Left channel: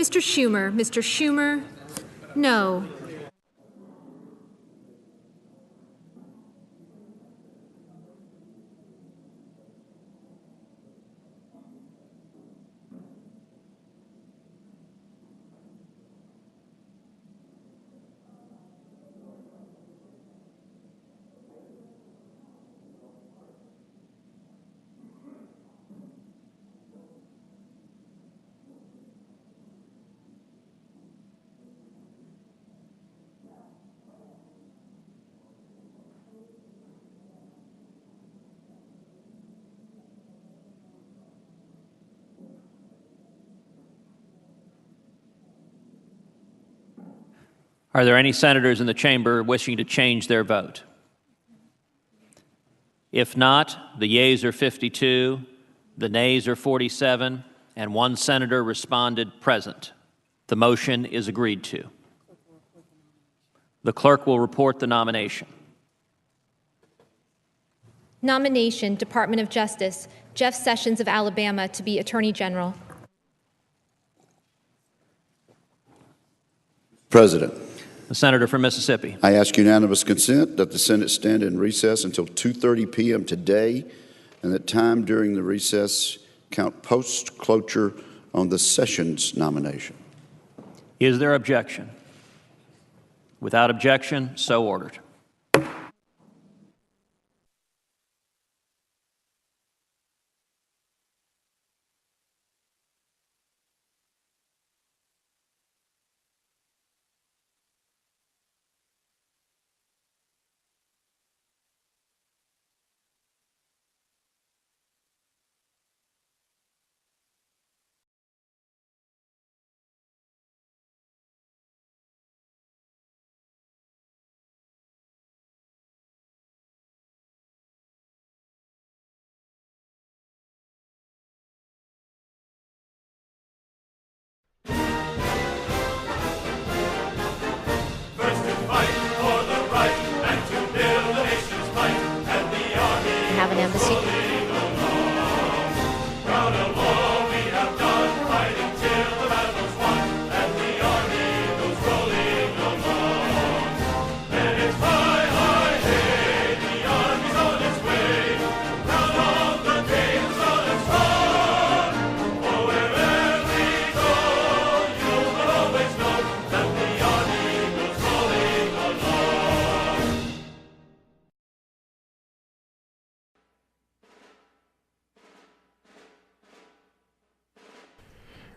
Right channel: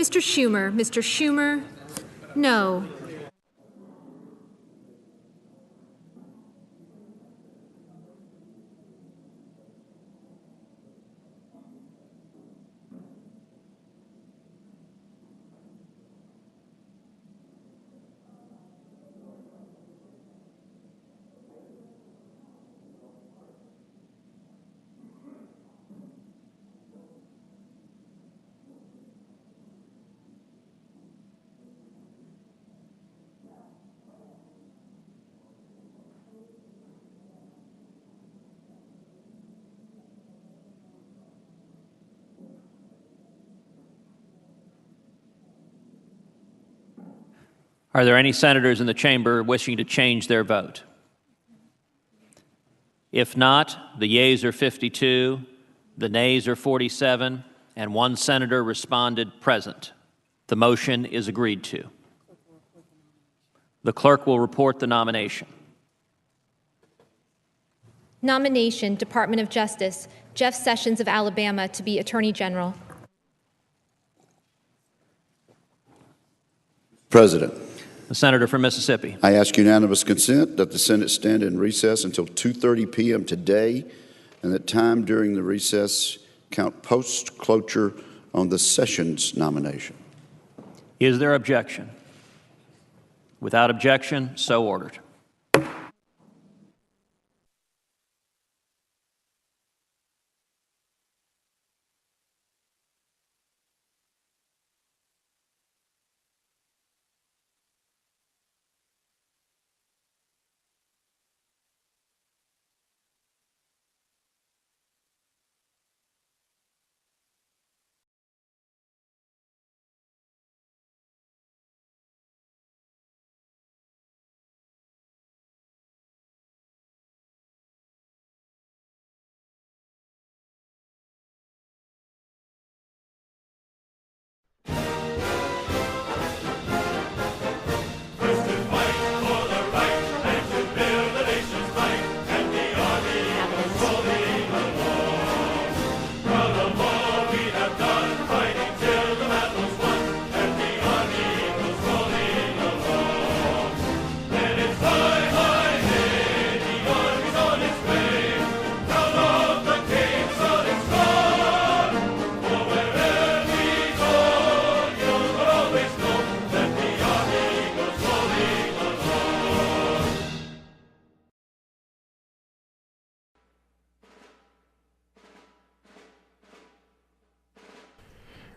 Mr. Schumer. Mr. Schumer, no. Are there any senators in the chamber wishing to change their vote? If not, the yeas are 52, the nays are 47, and one senator responded present. The motion is agreed to. The clerk will report the nomination. Nomination, Department of Justice, Jeff Sessions of Alabama to be Attorney General. President. The senator from Mississippi. I ask unanimous consent that the Senate stand in recess until 2:30 p.m. today, and that time during the recess count post-cloture on the Sessions nomination. Is there objection? Without objection, so ordered.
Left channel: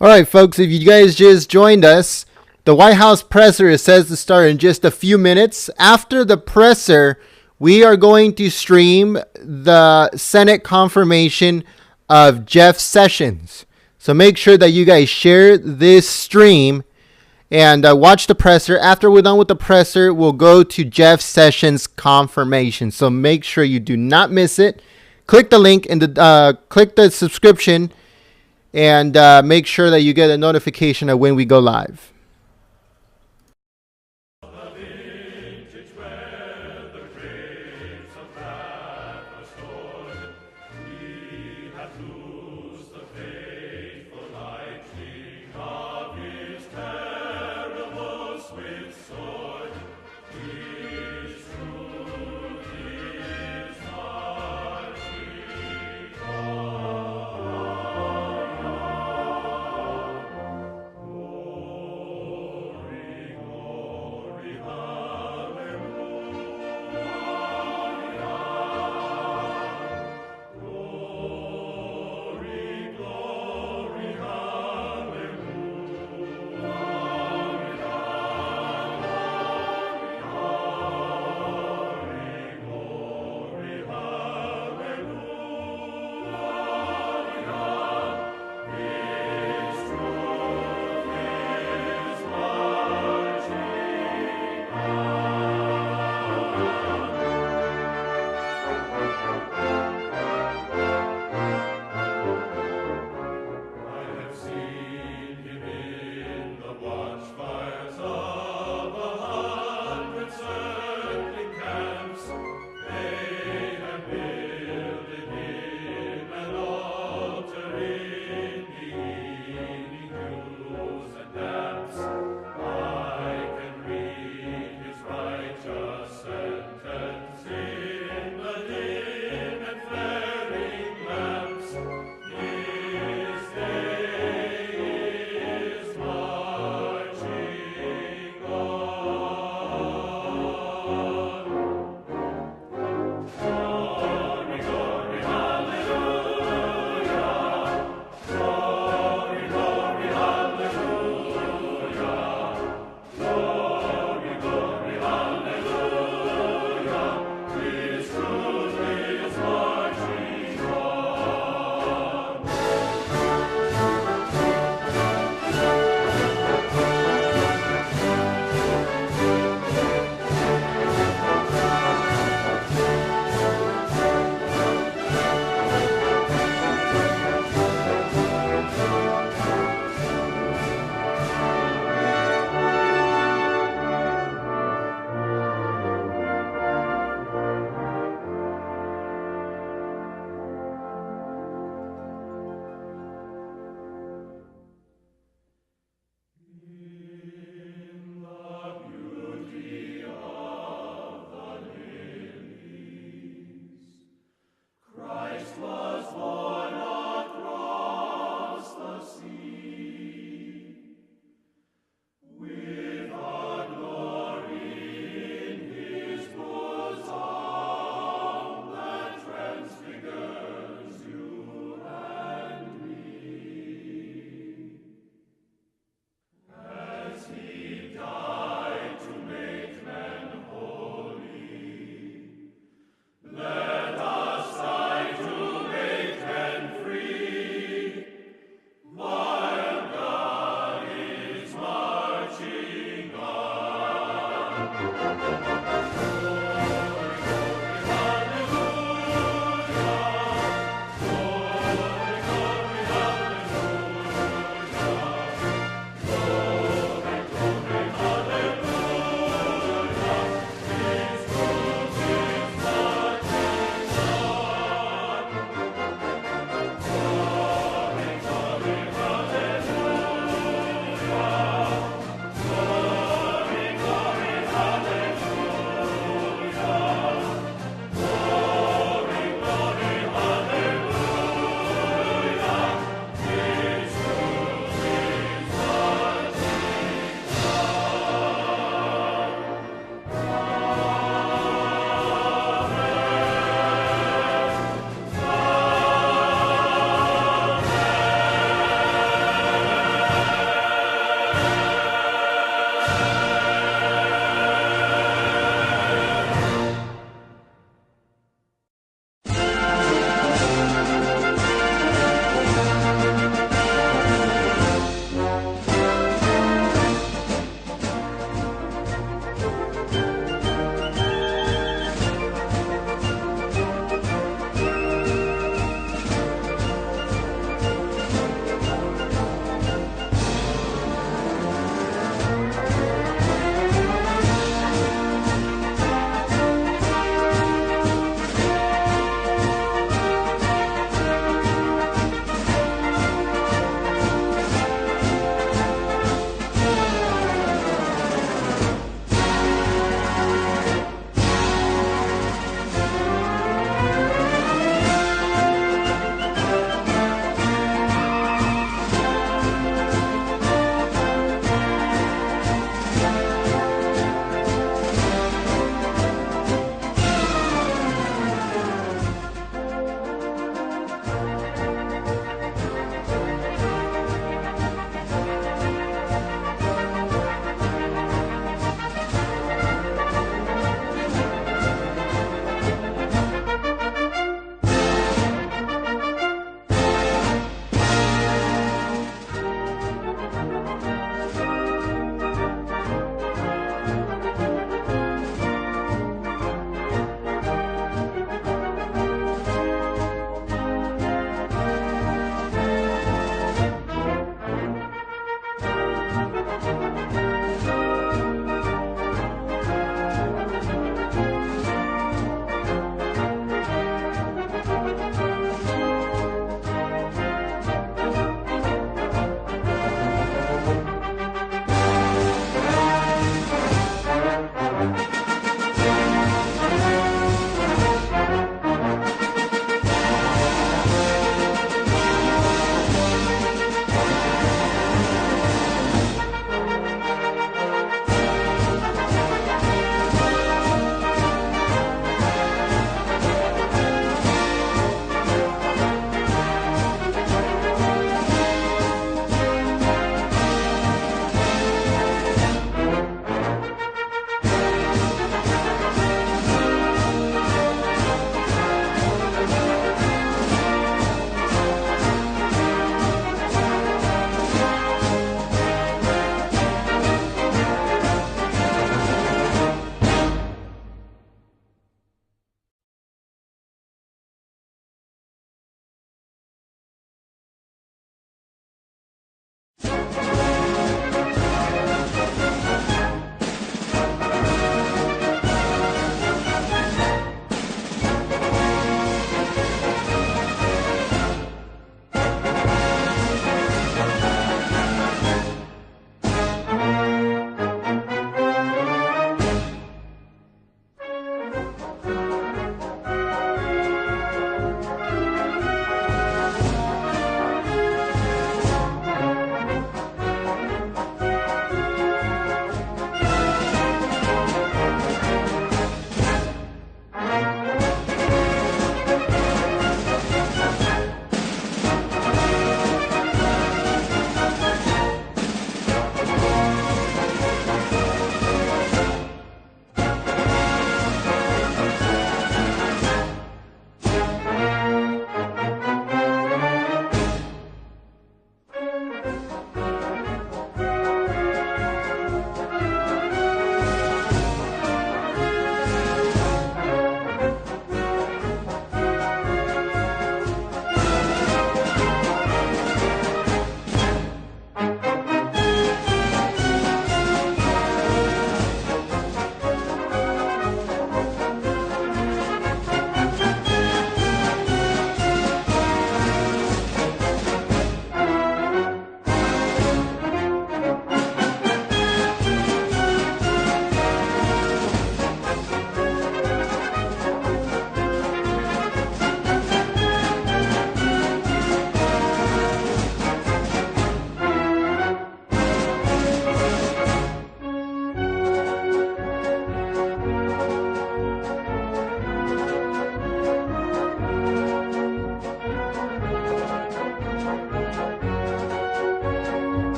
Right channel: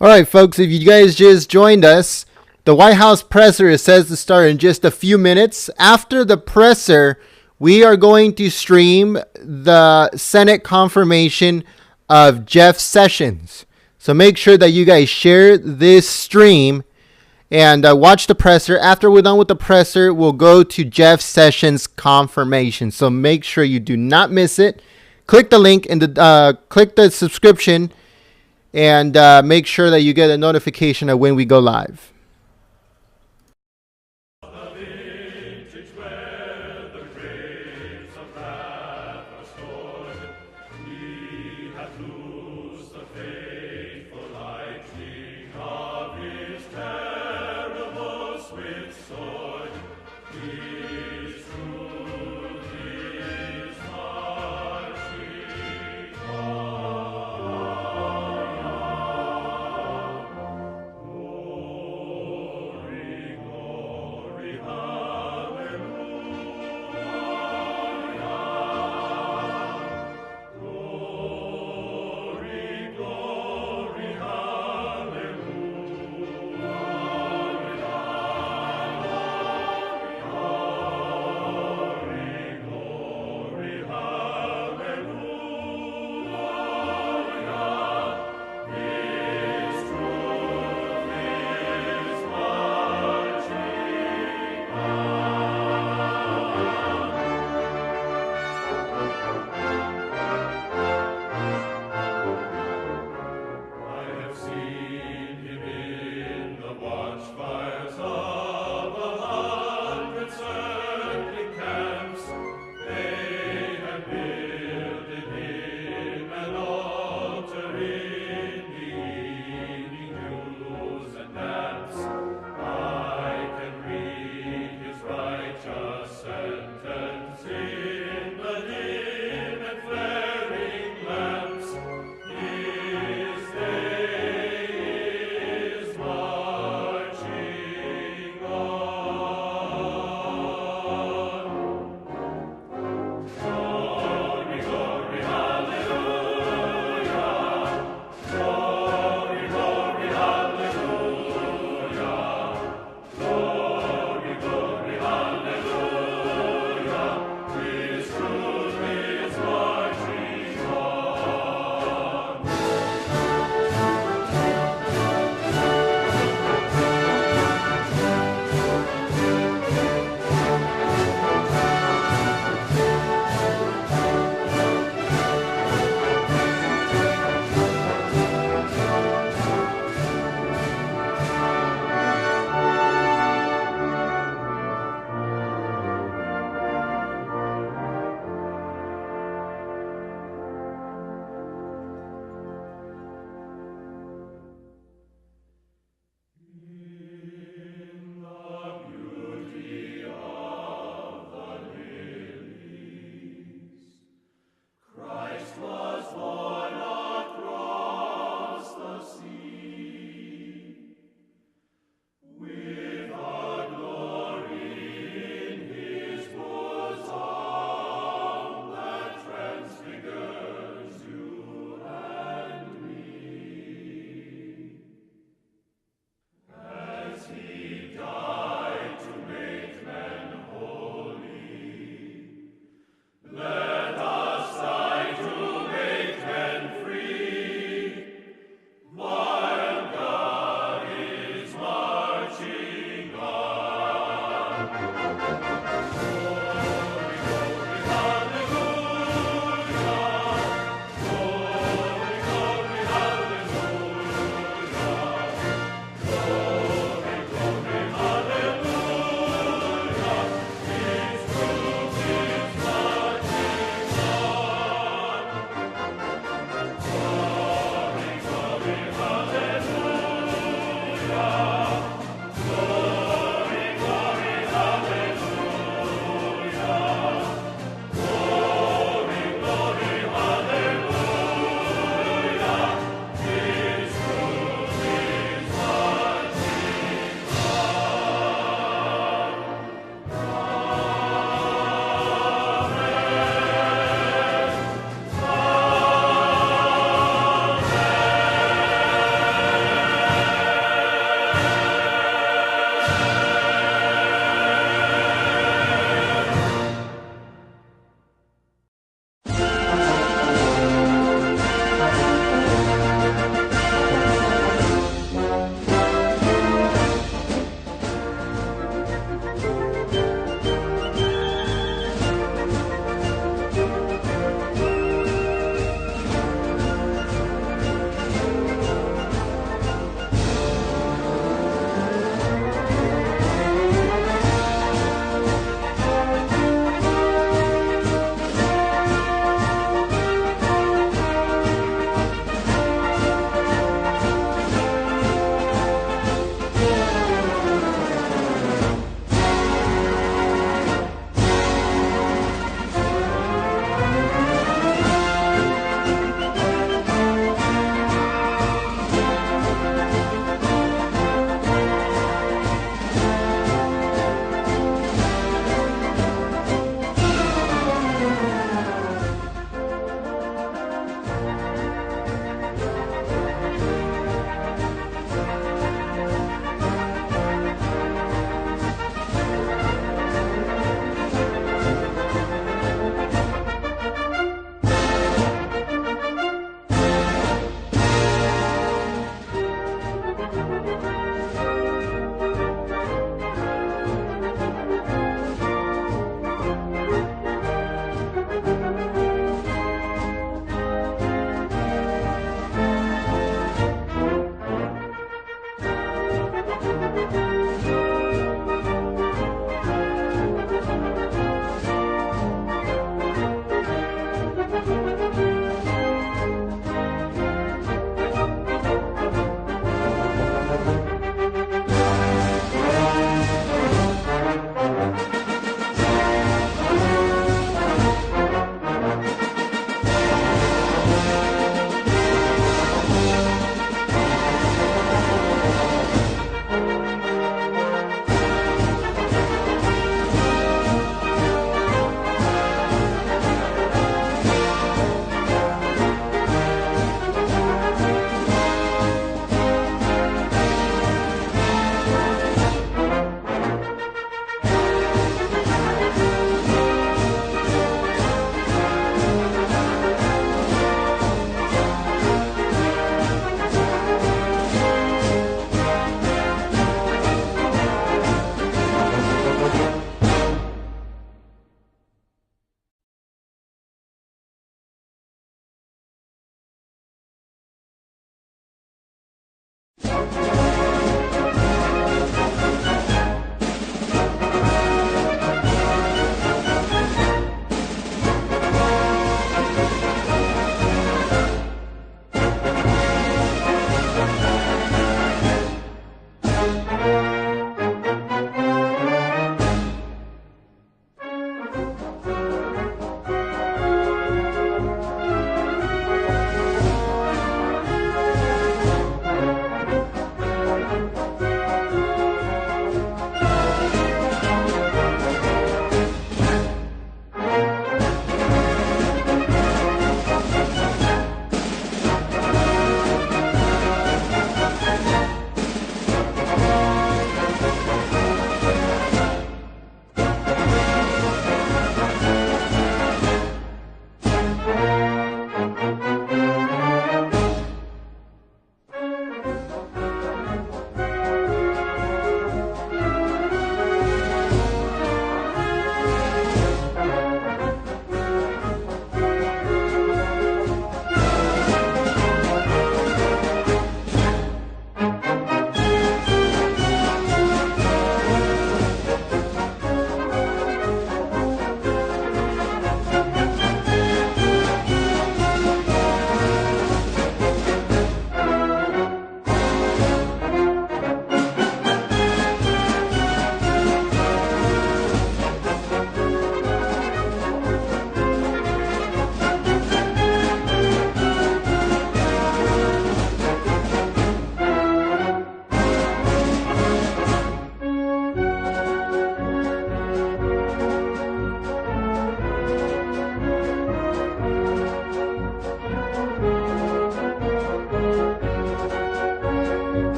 All right, folks, if you guys just joined us, the White House presser is set to start in just a few minutes. After the presser, we are going to stream the Senate confirmation of Jeff Sessions. So make sure that you guys share this stream and watch the presser. After we're done with the presser, we'll go to Jeff Sessions confirmation. So make sure you do not miss it. Click the link and click the subscription, and make sure that you get a notification of when we go live.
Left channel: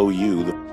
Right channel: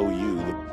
OU.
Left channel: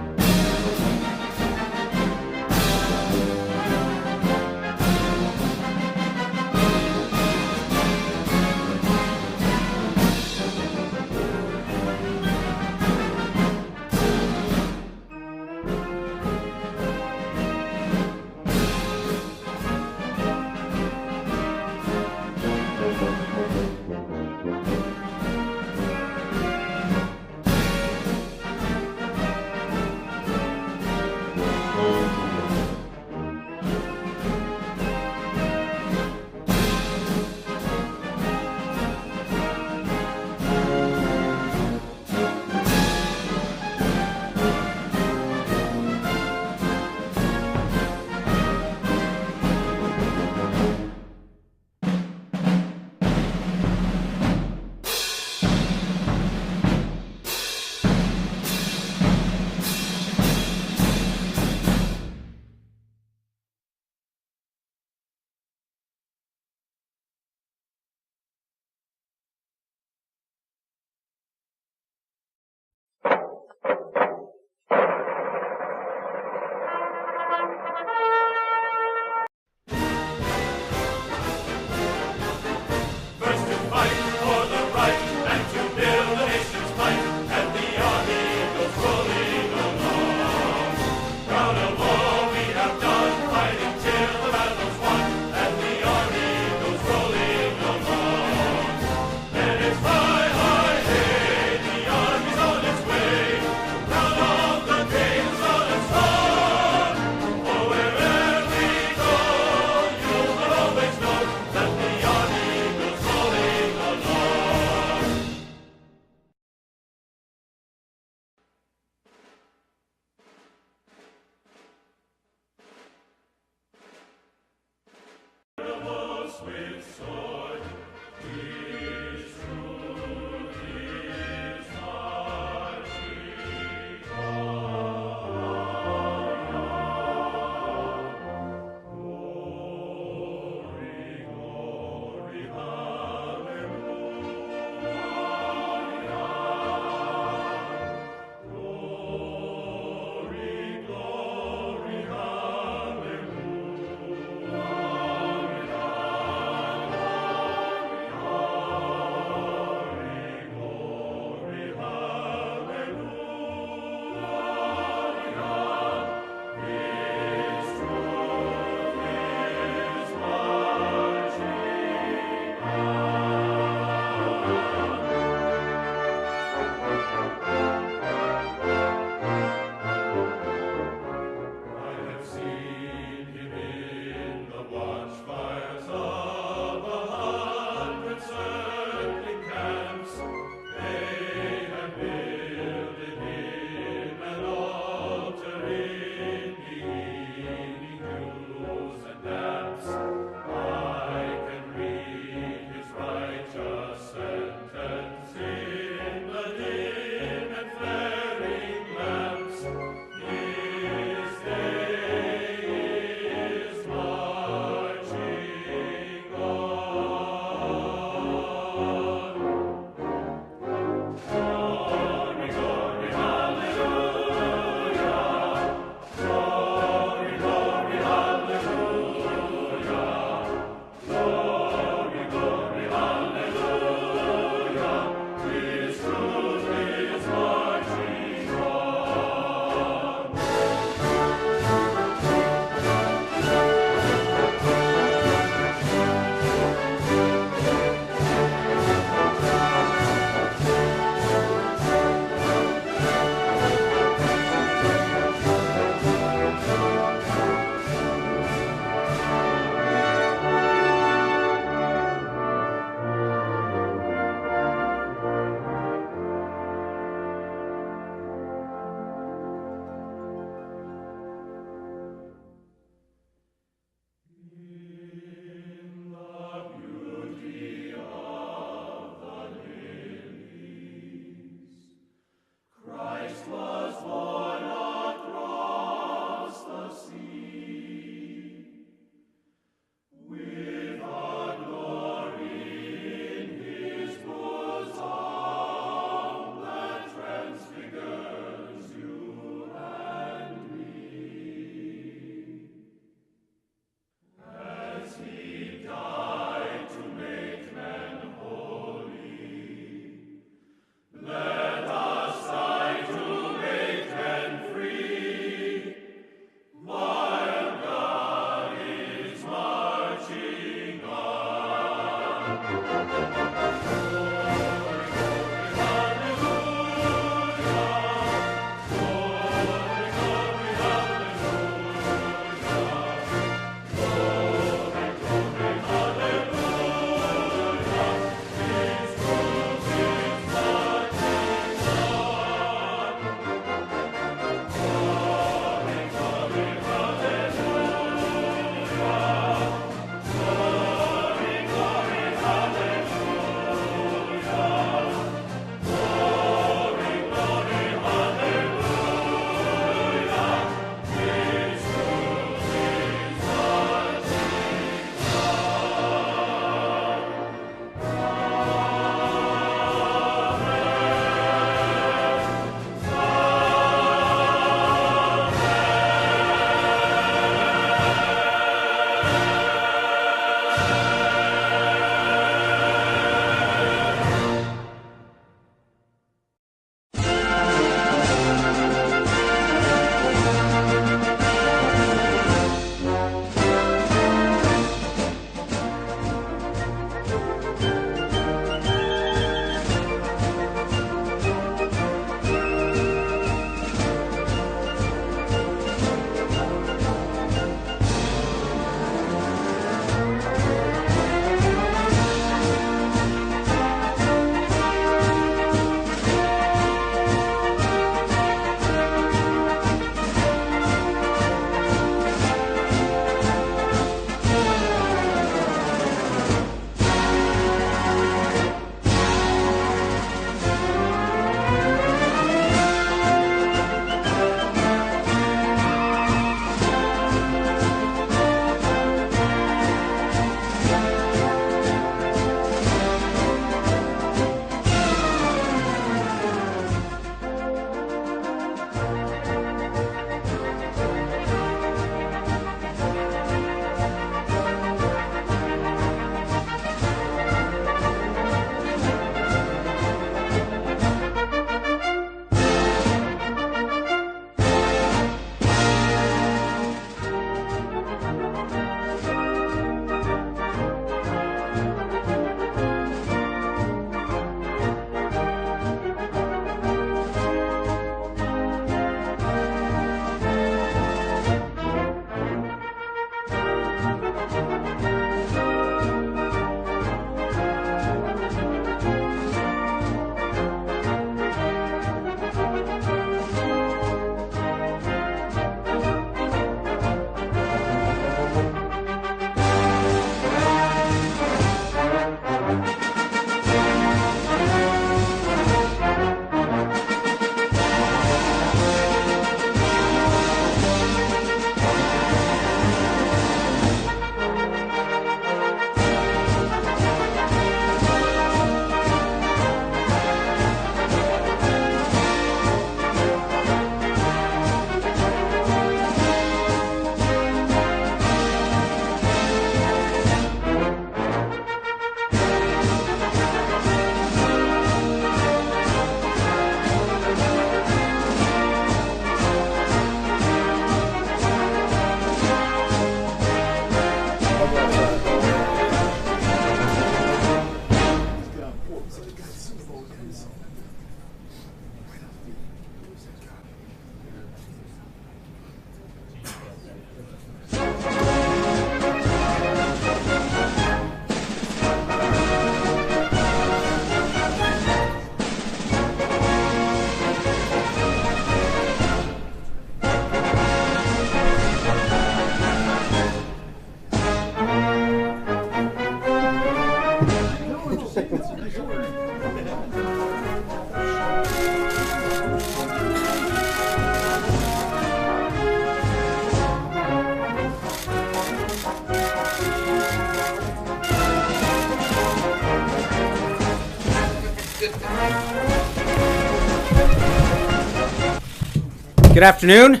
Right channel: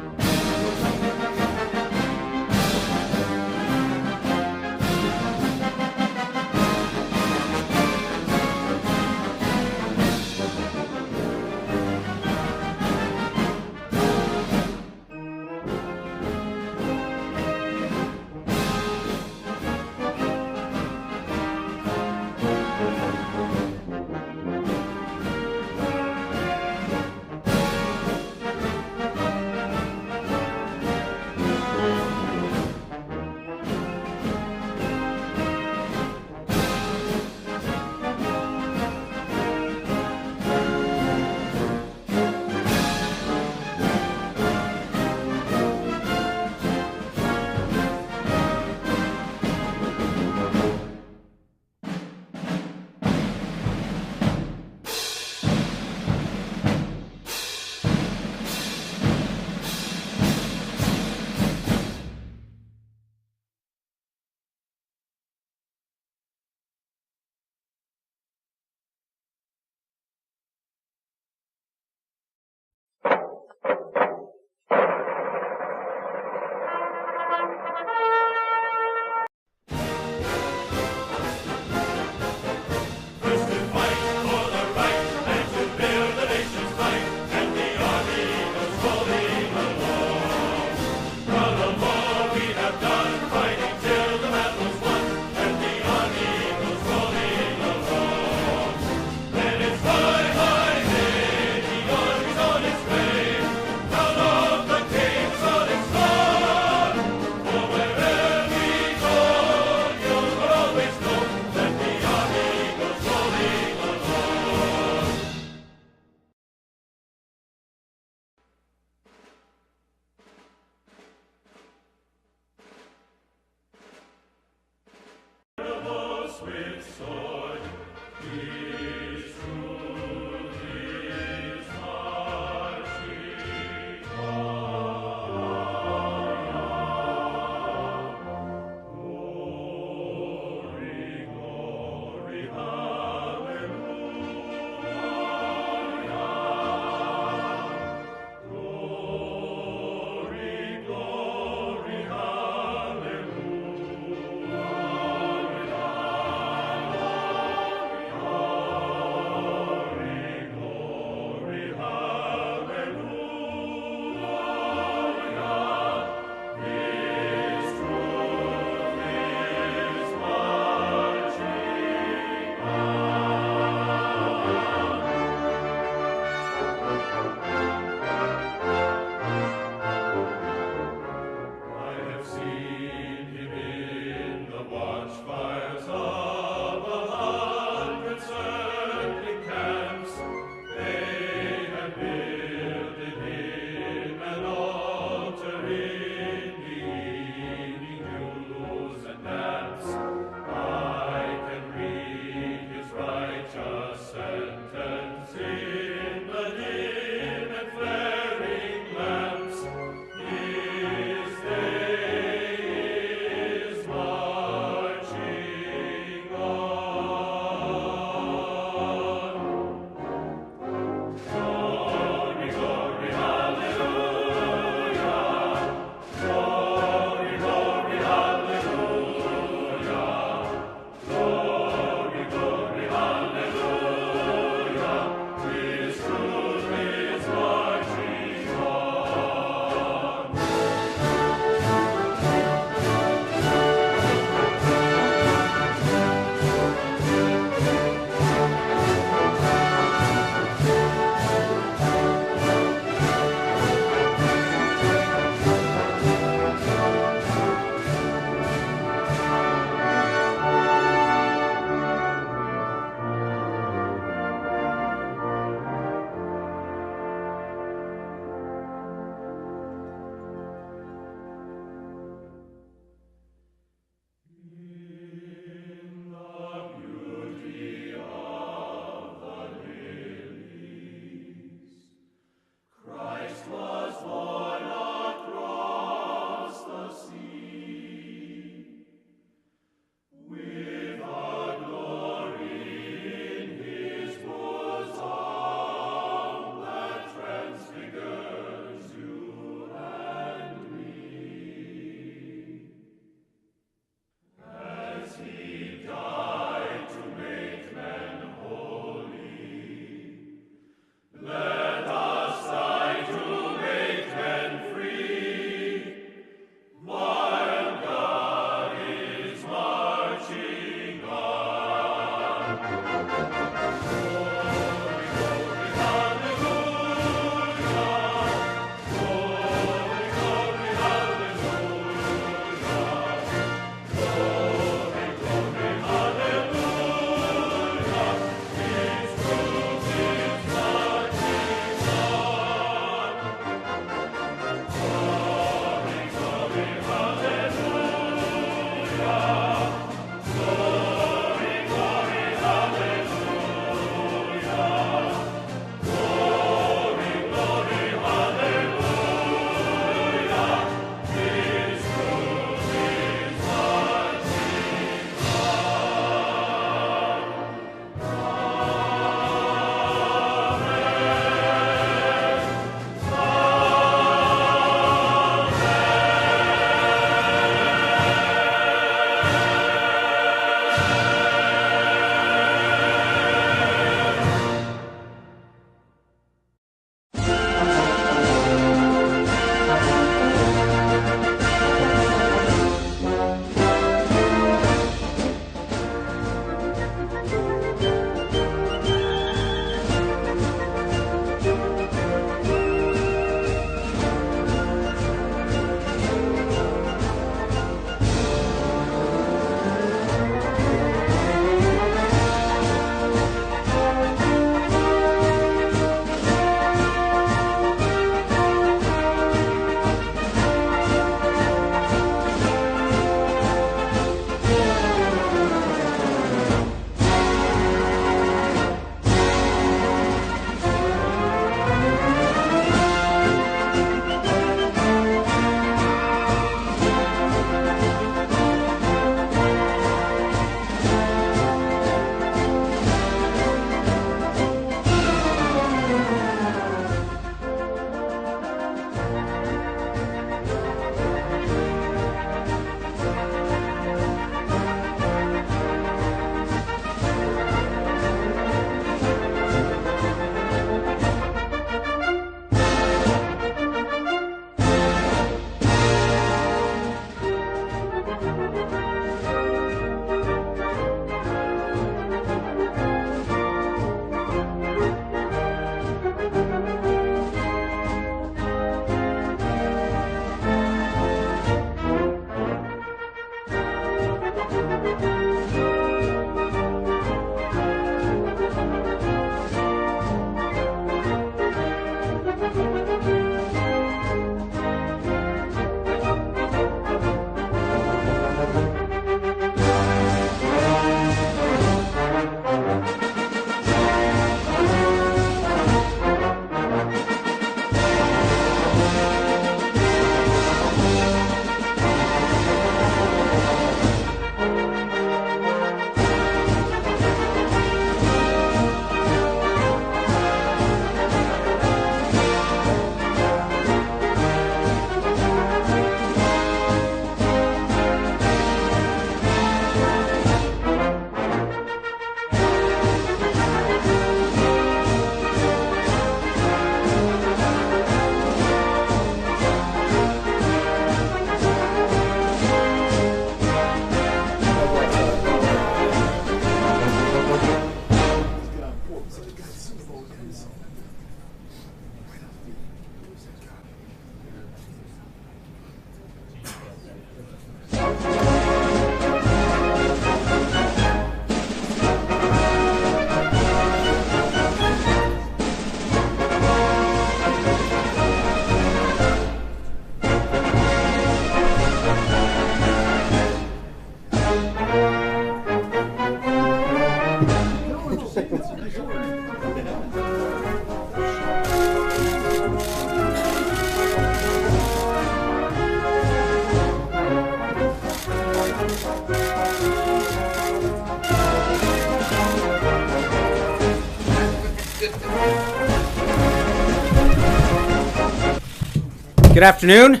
Good afternoon.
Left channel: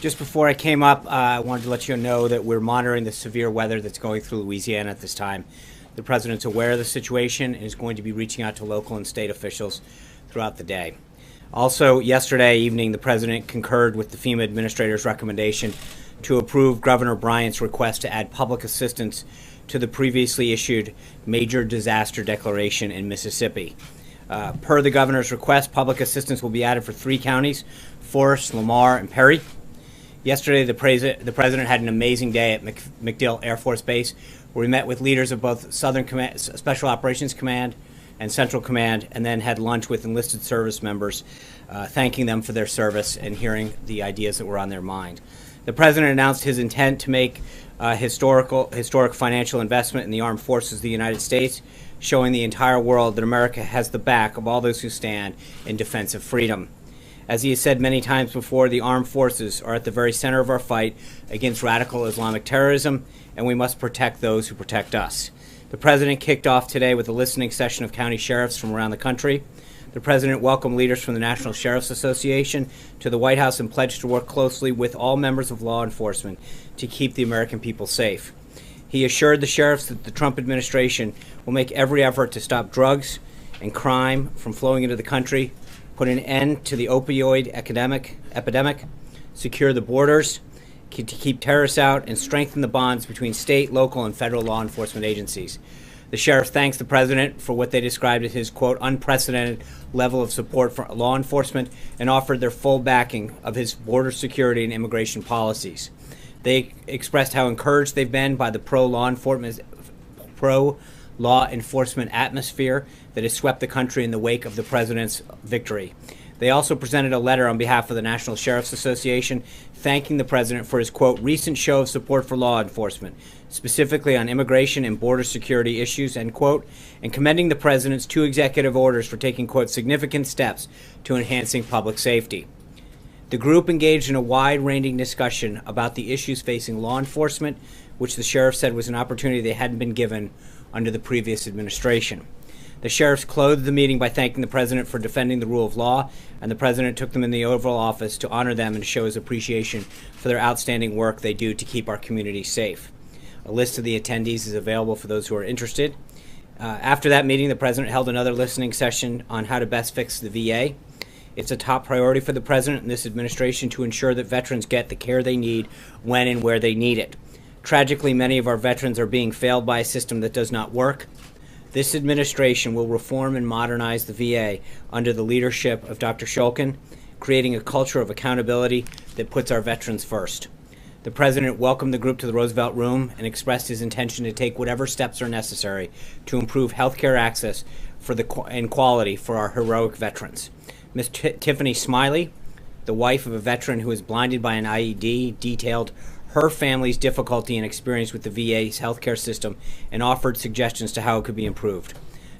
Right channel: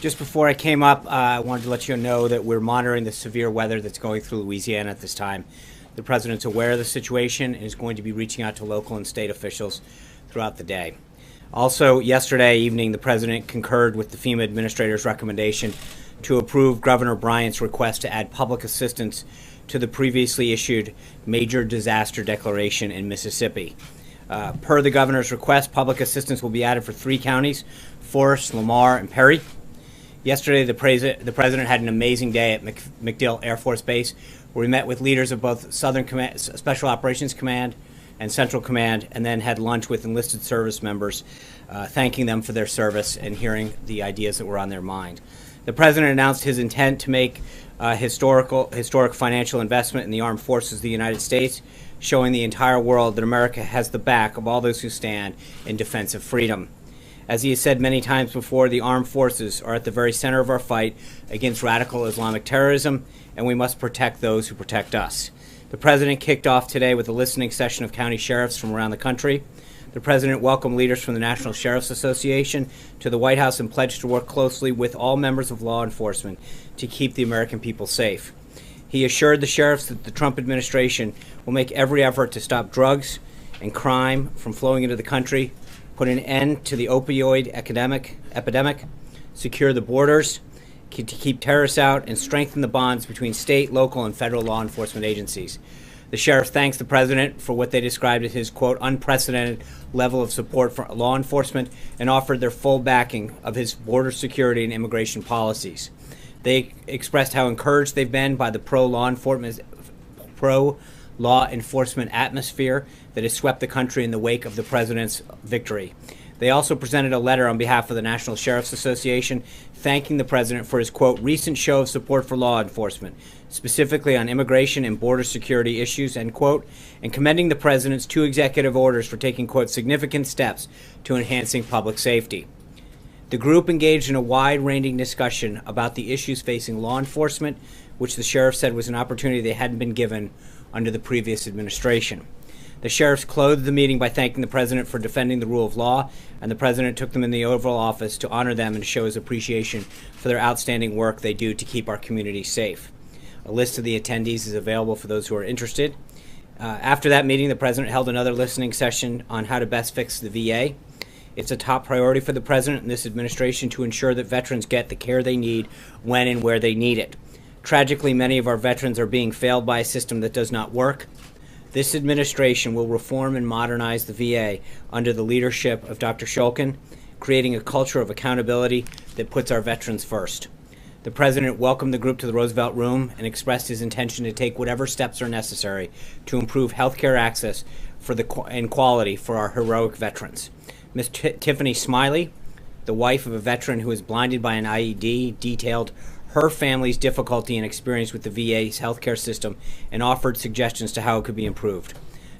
Just before I came up, I wanted to let you know that we're monitoring the severe weather that's going through Louisiana at this time. The President's aware of the situation and is going to be reaching out to local and state officials throughout the day. Also, yesterday evening, the President concurred with the FEMA Administrator's recommendation to approve Governor Bryant's request to add public assistance to the previously issued major disaster declaration in Mississippi. Per the Governor's request, public assistance will be added for 3 counties, Forest, Lamar, and Perry. Yesterday, the President had an amazing day at MacDill Air Force Base, where we met with leaders of both Southern Command, Special Operations Command and Central Command, and then had lunch with enlisted service members, thanking them for their service and hearing the ideas that were on their mind. The President announced his intent to make historic financial investment in the armed forces of the United States, showing the entire world that America has the back of all those who stand in defense of freedom. As he has said many times before, the armed forces are at the very center of our fight against radical Islamic terrorism, and we must protect those who protect us. The President kicked off today with a listening session of county sheriffs from around the country. The President welcomed leaders from the National Sheriff's Association to the White House and pledged to work closely with all members of law enforcement to keep the American people safe. He assured the sheriffs that the Trump administration will make every effort to stop drugs and crime from flowing into the country, put an end to the opioid epidemic, secure the borders, to keep terrorists out, and strengthen the bonds between state, local, and federal law enforcement agencies. The sheriff thanks the President for what they described as his, quote, unprecedented level of support for law enforcement and offered their full backing of his border security and immigration policies. They expressed how encouraged they've been by the pro-law enforcement atmosphere that has swept the country in the wake of the President's victory. They also presented a letter on behalf of the National Sheriff's Association thanking the President for his, quote, recent show of support for law enforcement, specifically on immigration and border security issues, end quote, and commending the President's 2 executive orders for taking, quote, significant steps to enhancing public safety. The group engaged in a wide-ranging discussion about the issues facing law enforcement, which the sheriff said was an opportunity they hadn't been given under the previous administration. The sheriffs closed the meeting by thanking the President for defending the rule of law, and the President took them in the Oval Office to honor them and show his appreciation for their outstanding work they do to keep our community safe. A list of the attendees is available for those who are interested. After that meeting, the President held another listening session on how to best fix the VA. It's a top priority for the President and this administration to ensure that veterans get the care they need when and where they need it. Tragically, many of our veterans are being failed by a system that does not work. This administration will reform and modernize the VA under the leadership of Dr. Shulkin, creating a culture of accountability that puts our veterans first. The President welcomed the group to the Roosevelt Room and expressed his intention to take whatever steps are necessary to improve health care access and quality for our heroic veterans. Ms. Tiffany Smiley, the wife of a veteran who was blinded by an IED, detailed her family's difficulty and experience with the VA's healthcare system and offered suggestions to how it could be improved.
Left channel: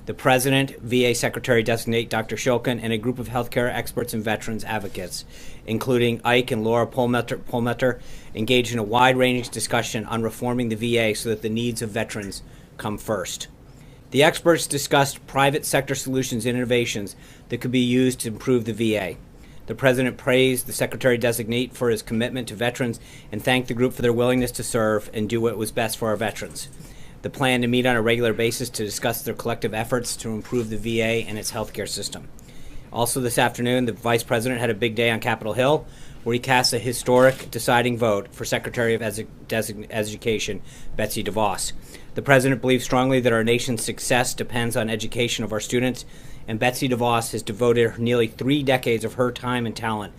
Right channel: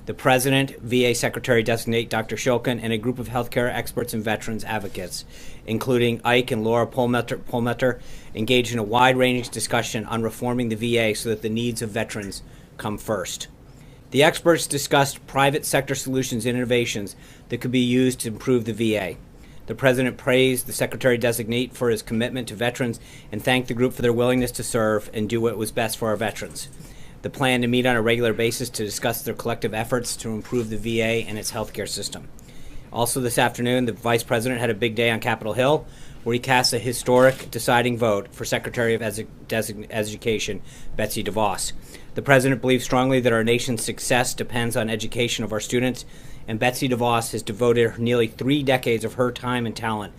The President, VA Secretary-designate Dr. Shulkin, and a group of healthcare experts and veterans advocates, including Ike and Laura Polmetter, engaged in a wide-ranging discussion on reforming the VA so that the needs of veterans come first. The experts discussed private sector solutions and innovations that could be used to improve the VA. The President praised the Secretary-designate for his commitment to veterans and thanked the group for their willingness to serve and do what was best for our veterans. The plan to meet on a regular basis to discuss their collective efforts to improve the VA and its healthcare system. Also this afternoon, the Vice President had a big day on Capitol Hill, where he cast a historic deciding vote for Secretary of Education Betsy DeVos. The President believes strongly that our nation's success depends on education of our students, and Betsy DeVos has devoted nearly 3 decades of her time and talent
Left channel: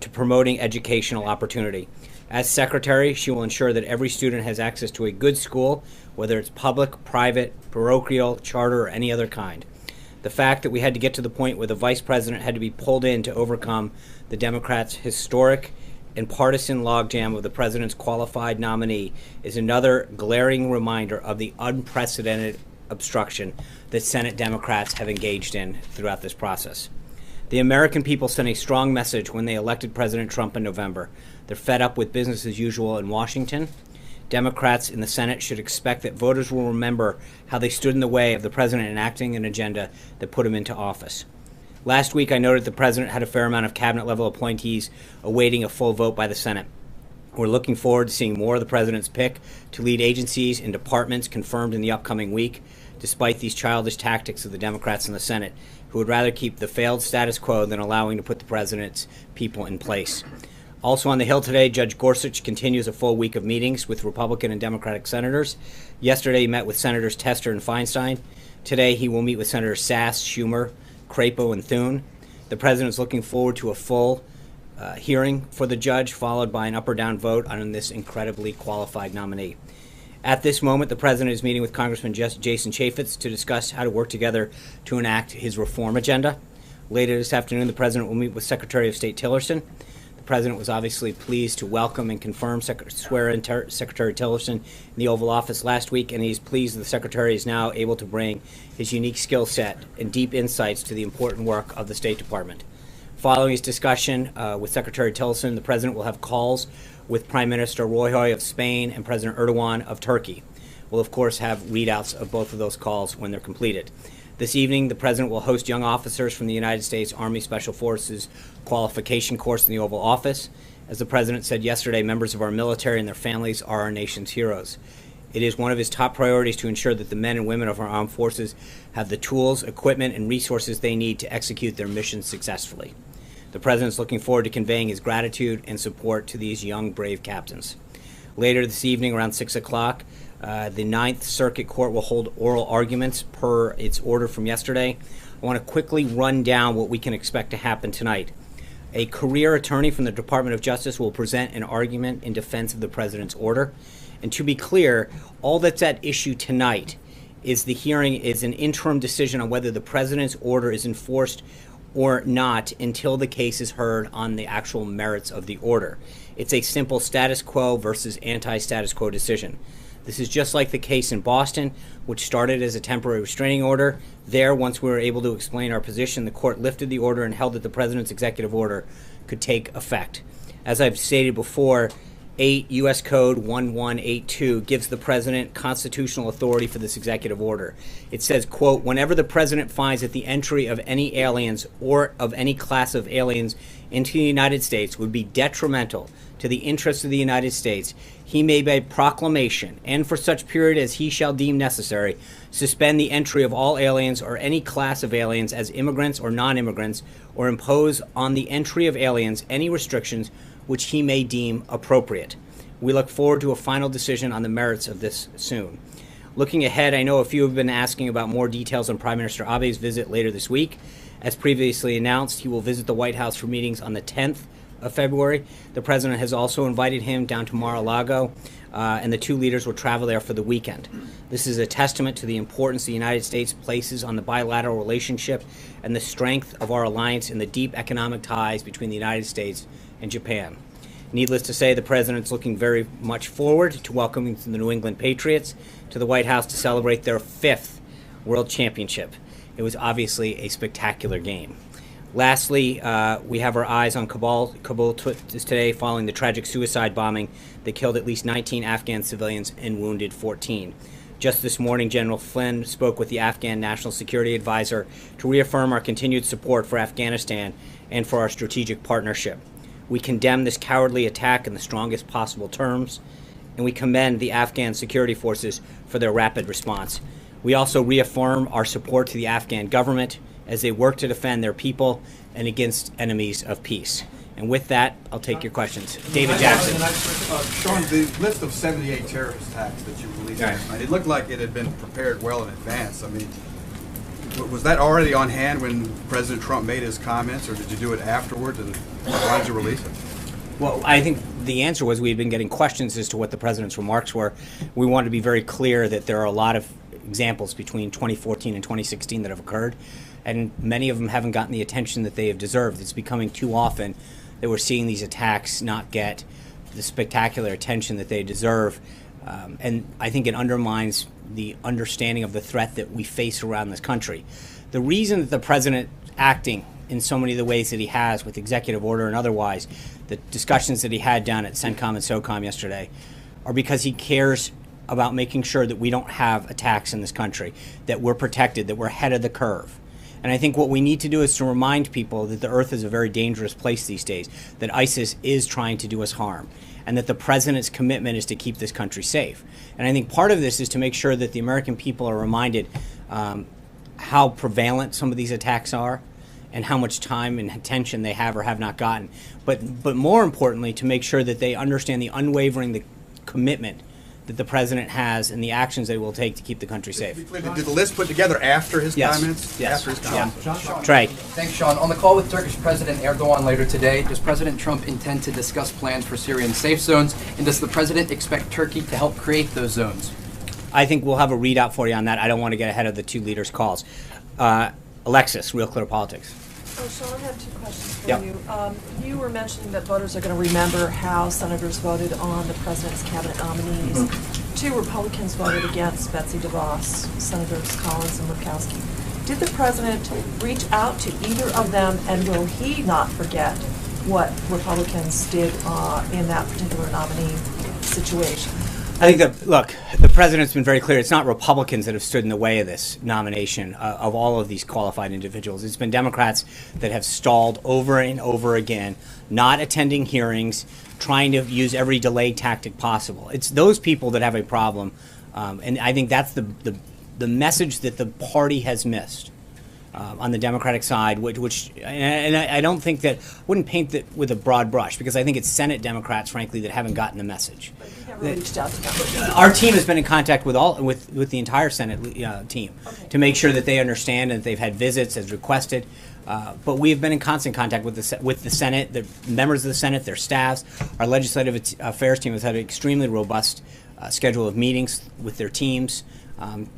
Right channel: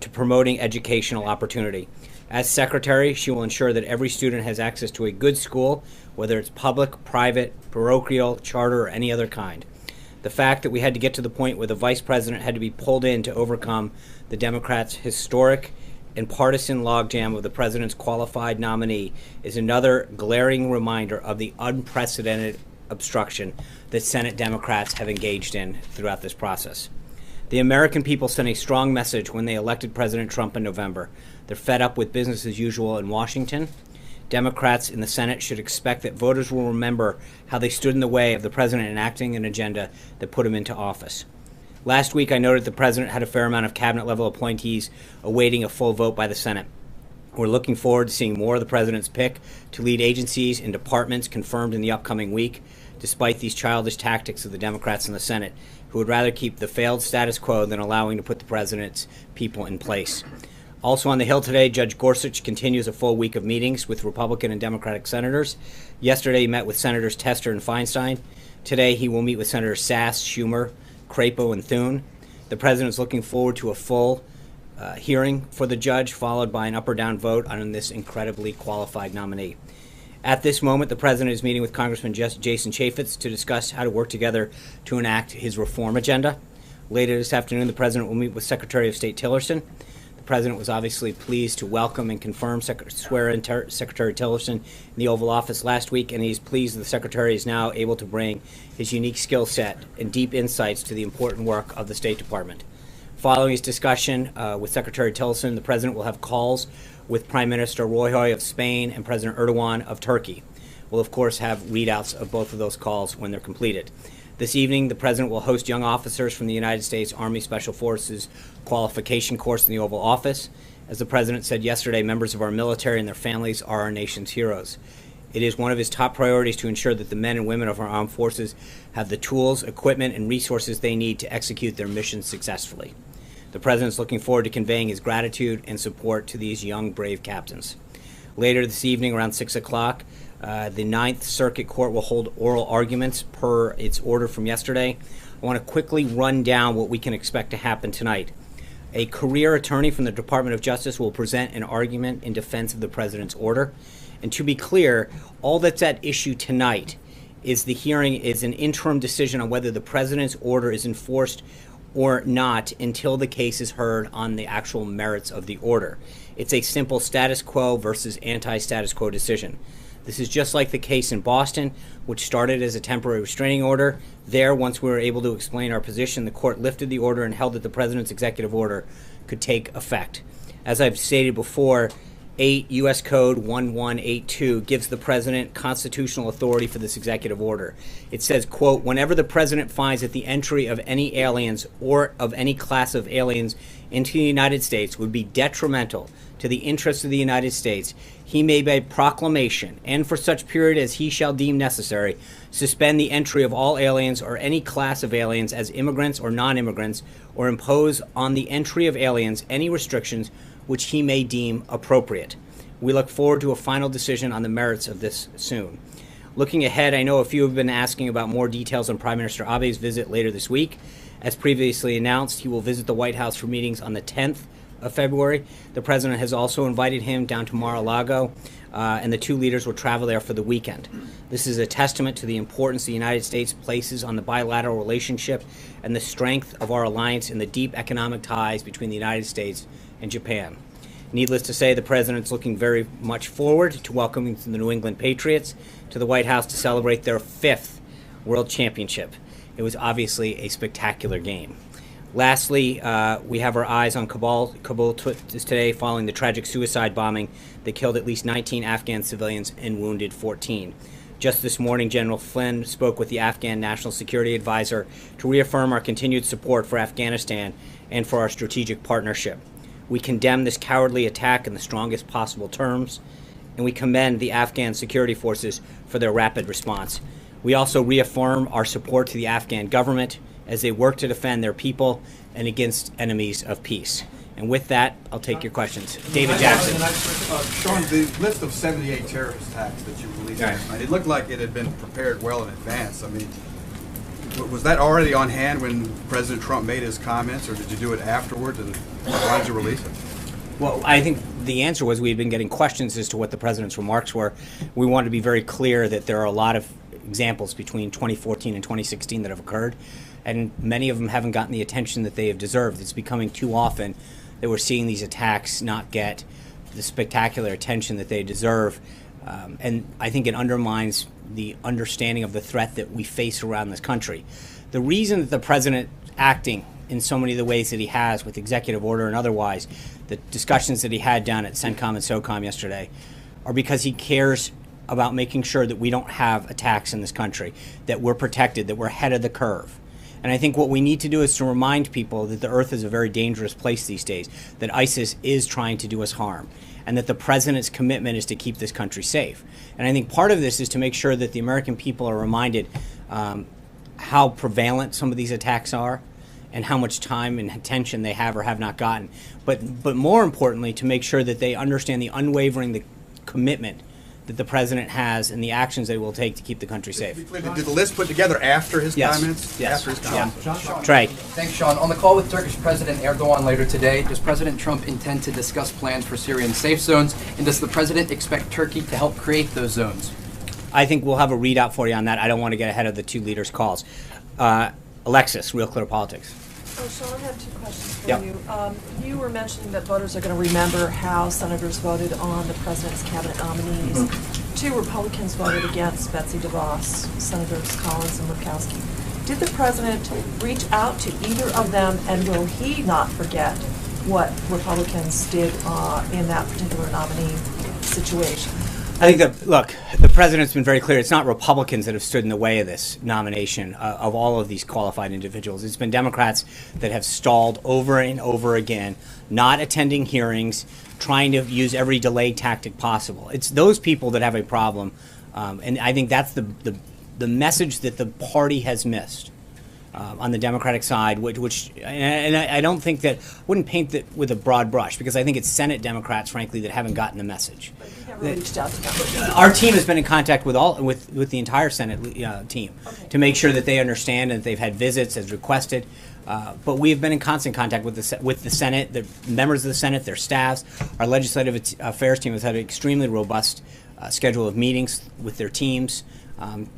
to promoting educational opportunity. As Secretary, she will ensure that every student has access to a good school, whether it's public, private, parochial, charter, or any other kind. The fact that we had to get to the point where the Vice President had to be pulled in to overcome the Democrats' historic and partisan logjam of the President's qualified nominee is another glaring reminder of the unprecedented obstruction that Senate Democrats have engaged in throughout this process. The American people sent a strong message when they elected President Trump in November. They're fed up with business as usual in Washington. Democrats in the Senate should expect that voters will remember how they stood in the way of the President enacting an agenda that put him into office. Last week, I noted the president had a fair amount of cabinet-level appointees awaiting a full vote by the Senate. We're looking forward to seeing more of the president's pick to lead agencies and departments confirmed in the upcoming week, despite these childish tactics of the Democrats in the Senate, who would rather keep the failed status quo than allowing to put the president's people in place. Also on the Hill today, Judge Gorsuch continues a full week of meetings with Republican and Democratic senators. Yesterday, he met with Senators Tester and Feinstein. Today, he will meet with Senators Sass, Schumer, Crapo, and Thune. The president is looking forward to a full hearing for the judge, followed by an up or down vote on this incredibly qualified nominee. At this moment, the president is meeting with Congressman Jason Chaffetz to discuss how to work together to enact his reform agenda. Later this afternoon, the president will meet with Secretary of State Tillerson. The president was obviously pleased to welcome and confirm swear-in Secretary Tillerson in the Oval Office last week, and he's pleased the secretary is now able to bring his unique skill set and deep insights to the important work of the State Department. Following his discussion with Secretary Tillerson, the president will have calls with Prime Minister Rajoy of Spain and President Erdogan of Turkey. We'll, of course, have readouts of both of those calls when they're completed. This evening, the president will host young officers from the United States Army Special Forces qualification course in the Oval Office. As the president said yesterday, members of our military and their families are our nation's heroes. It is one of his top priorities to ensure that the men and women of our armed forces have the tools, equipment, and resources they need to execute their missions successfully. The president is looking forward to conveying his gratitude and support to these young, brave captains. Later this evening, around 6 o'clock, the Ninth Circuit Court will hold oral arguments per its order from yesterday. I want to quickly run down what we can expect to happen tonight. A career attorney from the Department of Justice will present an argument in defense of the president's order. And to be clear, all that's at issue tonight is the hearing is an interim decision on whether the president's order is enforced or not until the case is heard on the actual merits of the order. It's a simple status quo versus anti-status quo decision. This is just like the case in Boston, which started as a temporary restraining order. There, once we were able to explain our position, the court lifted the order and held that the president's executive order could take effect. As I've stated before, 8 U.S. Code 1182 gives the president constitutional authority for this executive order. It says, quote, whenever the president finds that the entry of any aliens or of any class of aliens into the United States would be detrimental to the interests of the United States, he may by proclamation, and for such period as he shall deem necessary, suspend the entry of all aliens or any class of aliens as immigrants or non-immigrants, or impose on the entry of aliens any restrictions which he may deem appropriate. We look forward to a final decision on the merits of this soon. Looking ahead, I know a few have been asking about more details on Prime Minister Abe's visit later this week. As previously announced, he will visit the White House for meetings on the 10th of February. The president has also invited him down to Mar-a-Lago, and the two leaders will travel there for the weekend. This is a testament to the importance the United States places on the bilateral relationship and the strength of our alliance and the deep economic ties between the United States and Japan. Needless to say, the president's looking very much forward to welcoming the New England Patriots to the White House to celebrate their 5th World Championship. It was obviously a spectacular game. Lastly, we have our eyes on Kabul today following the tragic suicide bombing that killed at least 19 Afghan civilians and wounded 14. Just this morning, General Flynn spoke with the Afghan National Security Advisor to reaffirm our continued support for Afghanistan and for our strategic partnership. We condemn this cowardly attack in the strongest possible terms, and we commend the Afghan security forces for their rapid response. We also reaffirm our support to the Afghan government as they work to defend their people and against enemies of peace. And with that, I'll take your questions. David Jackson. Sean, the list of 78 terrorist attacks that you released last night, it looked like it had been prepared well in advance. I mean, was that already on hand when President Trump made his comments, or did you do it afterwards, and why did you release it? Well, I think the answer was we had been getting questions as to what the president's remarks were. We wanted to be very clear that there are a lot of examples between 2014 and 2016 that have occurred, and many of them haven't gotten the attention that they have deserved. It's becoming too often that we're seeing these attacks not get the spectacular attention that they deserve, and I think it undermines the understanding of the threat that we face around this country. The reason that the president acting in so many of the ways that he has with executive order and otherwise, the discussions that he had down at CENTCOM and SOCOM yesterday, are because he cares about making sure that we don't have attacks in this country, that we're protected, that we're ahead of the curve. And I think what we need to do is to remind people that the earth is a very dangerous place these days, that ISIS is trying to do us harm, and that the president's commitment is to keep this country safe. And I think part of this is to make sure that the American people are reminded how prevalent some of these attacks are and how much time and attention they have or have not gotten. But more importantly, to make sure that they understand the unwavering commitment that the president has and the actions they will take to keep the country safe. Did the list put together after his Yes. comments? Yes. After his comments. Yeah. Trey. Thanks, Sean. On the call with Turkish President Erdogan later today, does President Trump intend to discuss plans for Syrian safe zones, and does the president expect Turkey to help create those zones? I think we'll have a readout for you on that. I don't want to get ahead of the two leaders' calls. Alexis, Real Clear Politics. Oh, Sean, I have two questions for Yep. you. You were mentioning that voters are going to remember how senators voted on the president's cabinet nominees. Mm-hmm. Two Republicans voted against Betsy DeVos, Senators Collins and Murkowski. Did the president reach out to either of them, and will he not forget what Republicans did in that particular nominee situation? I think that, look, the president's been very clear. It's not Republicans that have stood in the way of this nomination of all of these qualified individuals. It's been Democrats that have stalled over and over again, not attending hearings, trying to use every delay tactic possible. It's those people that have a problem, and I think that's the message that the party has missed. On the Democratic side, and I don't think that, wouldn't paint it with a broad brush, because I think it's Senate Democrats, frankly, that haven't gotten the message. But you never reached out to them. Our team has been in contact with the entire Senate team to make sure that they understand and that they've had visits as requested. But we have been in constant contact with the Senate, the members of the Senate, their staffs. Our legislative affairs team has had an extremely robust schedule of meetings with their teams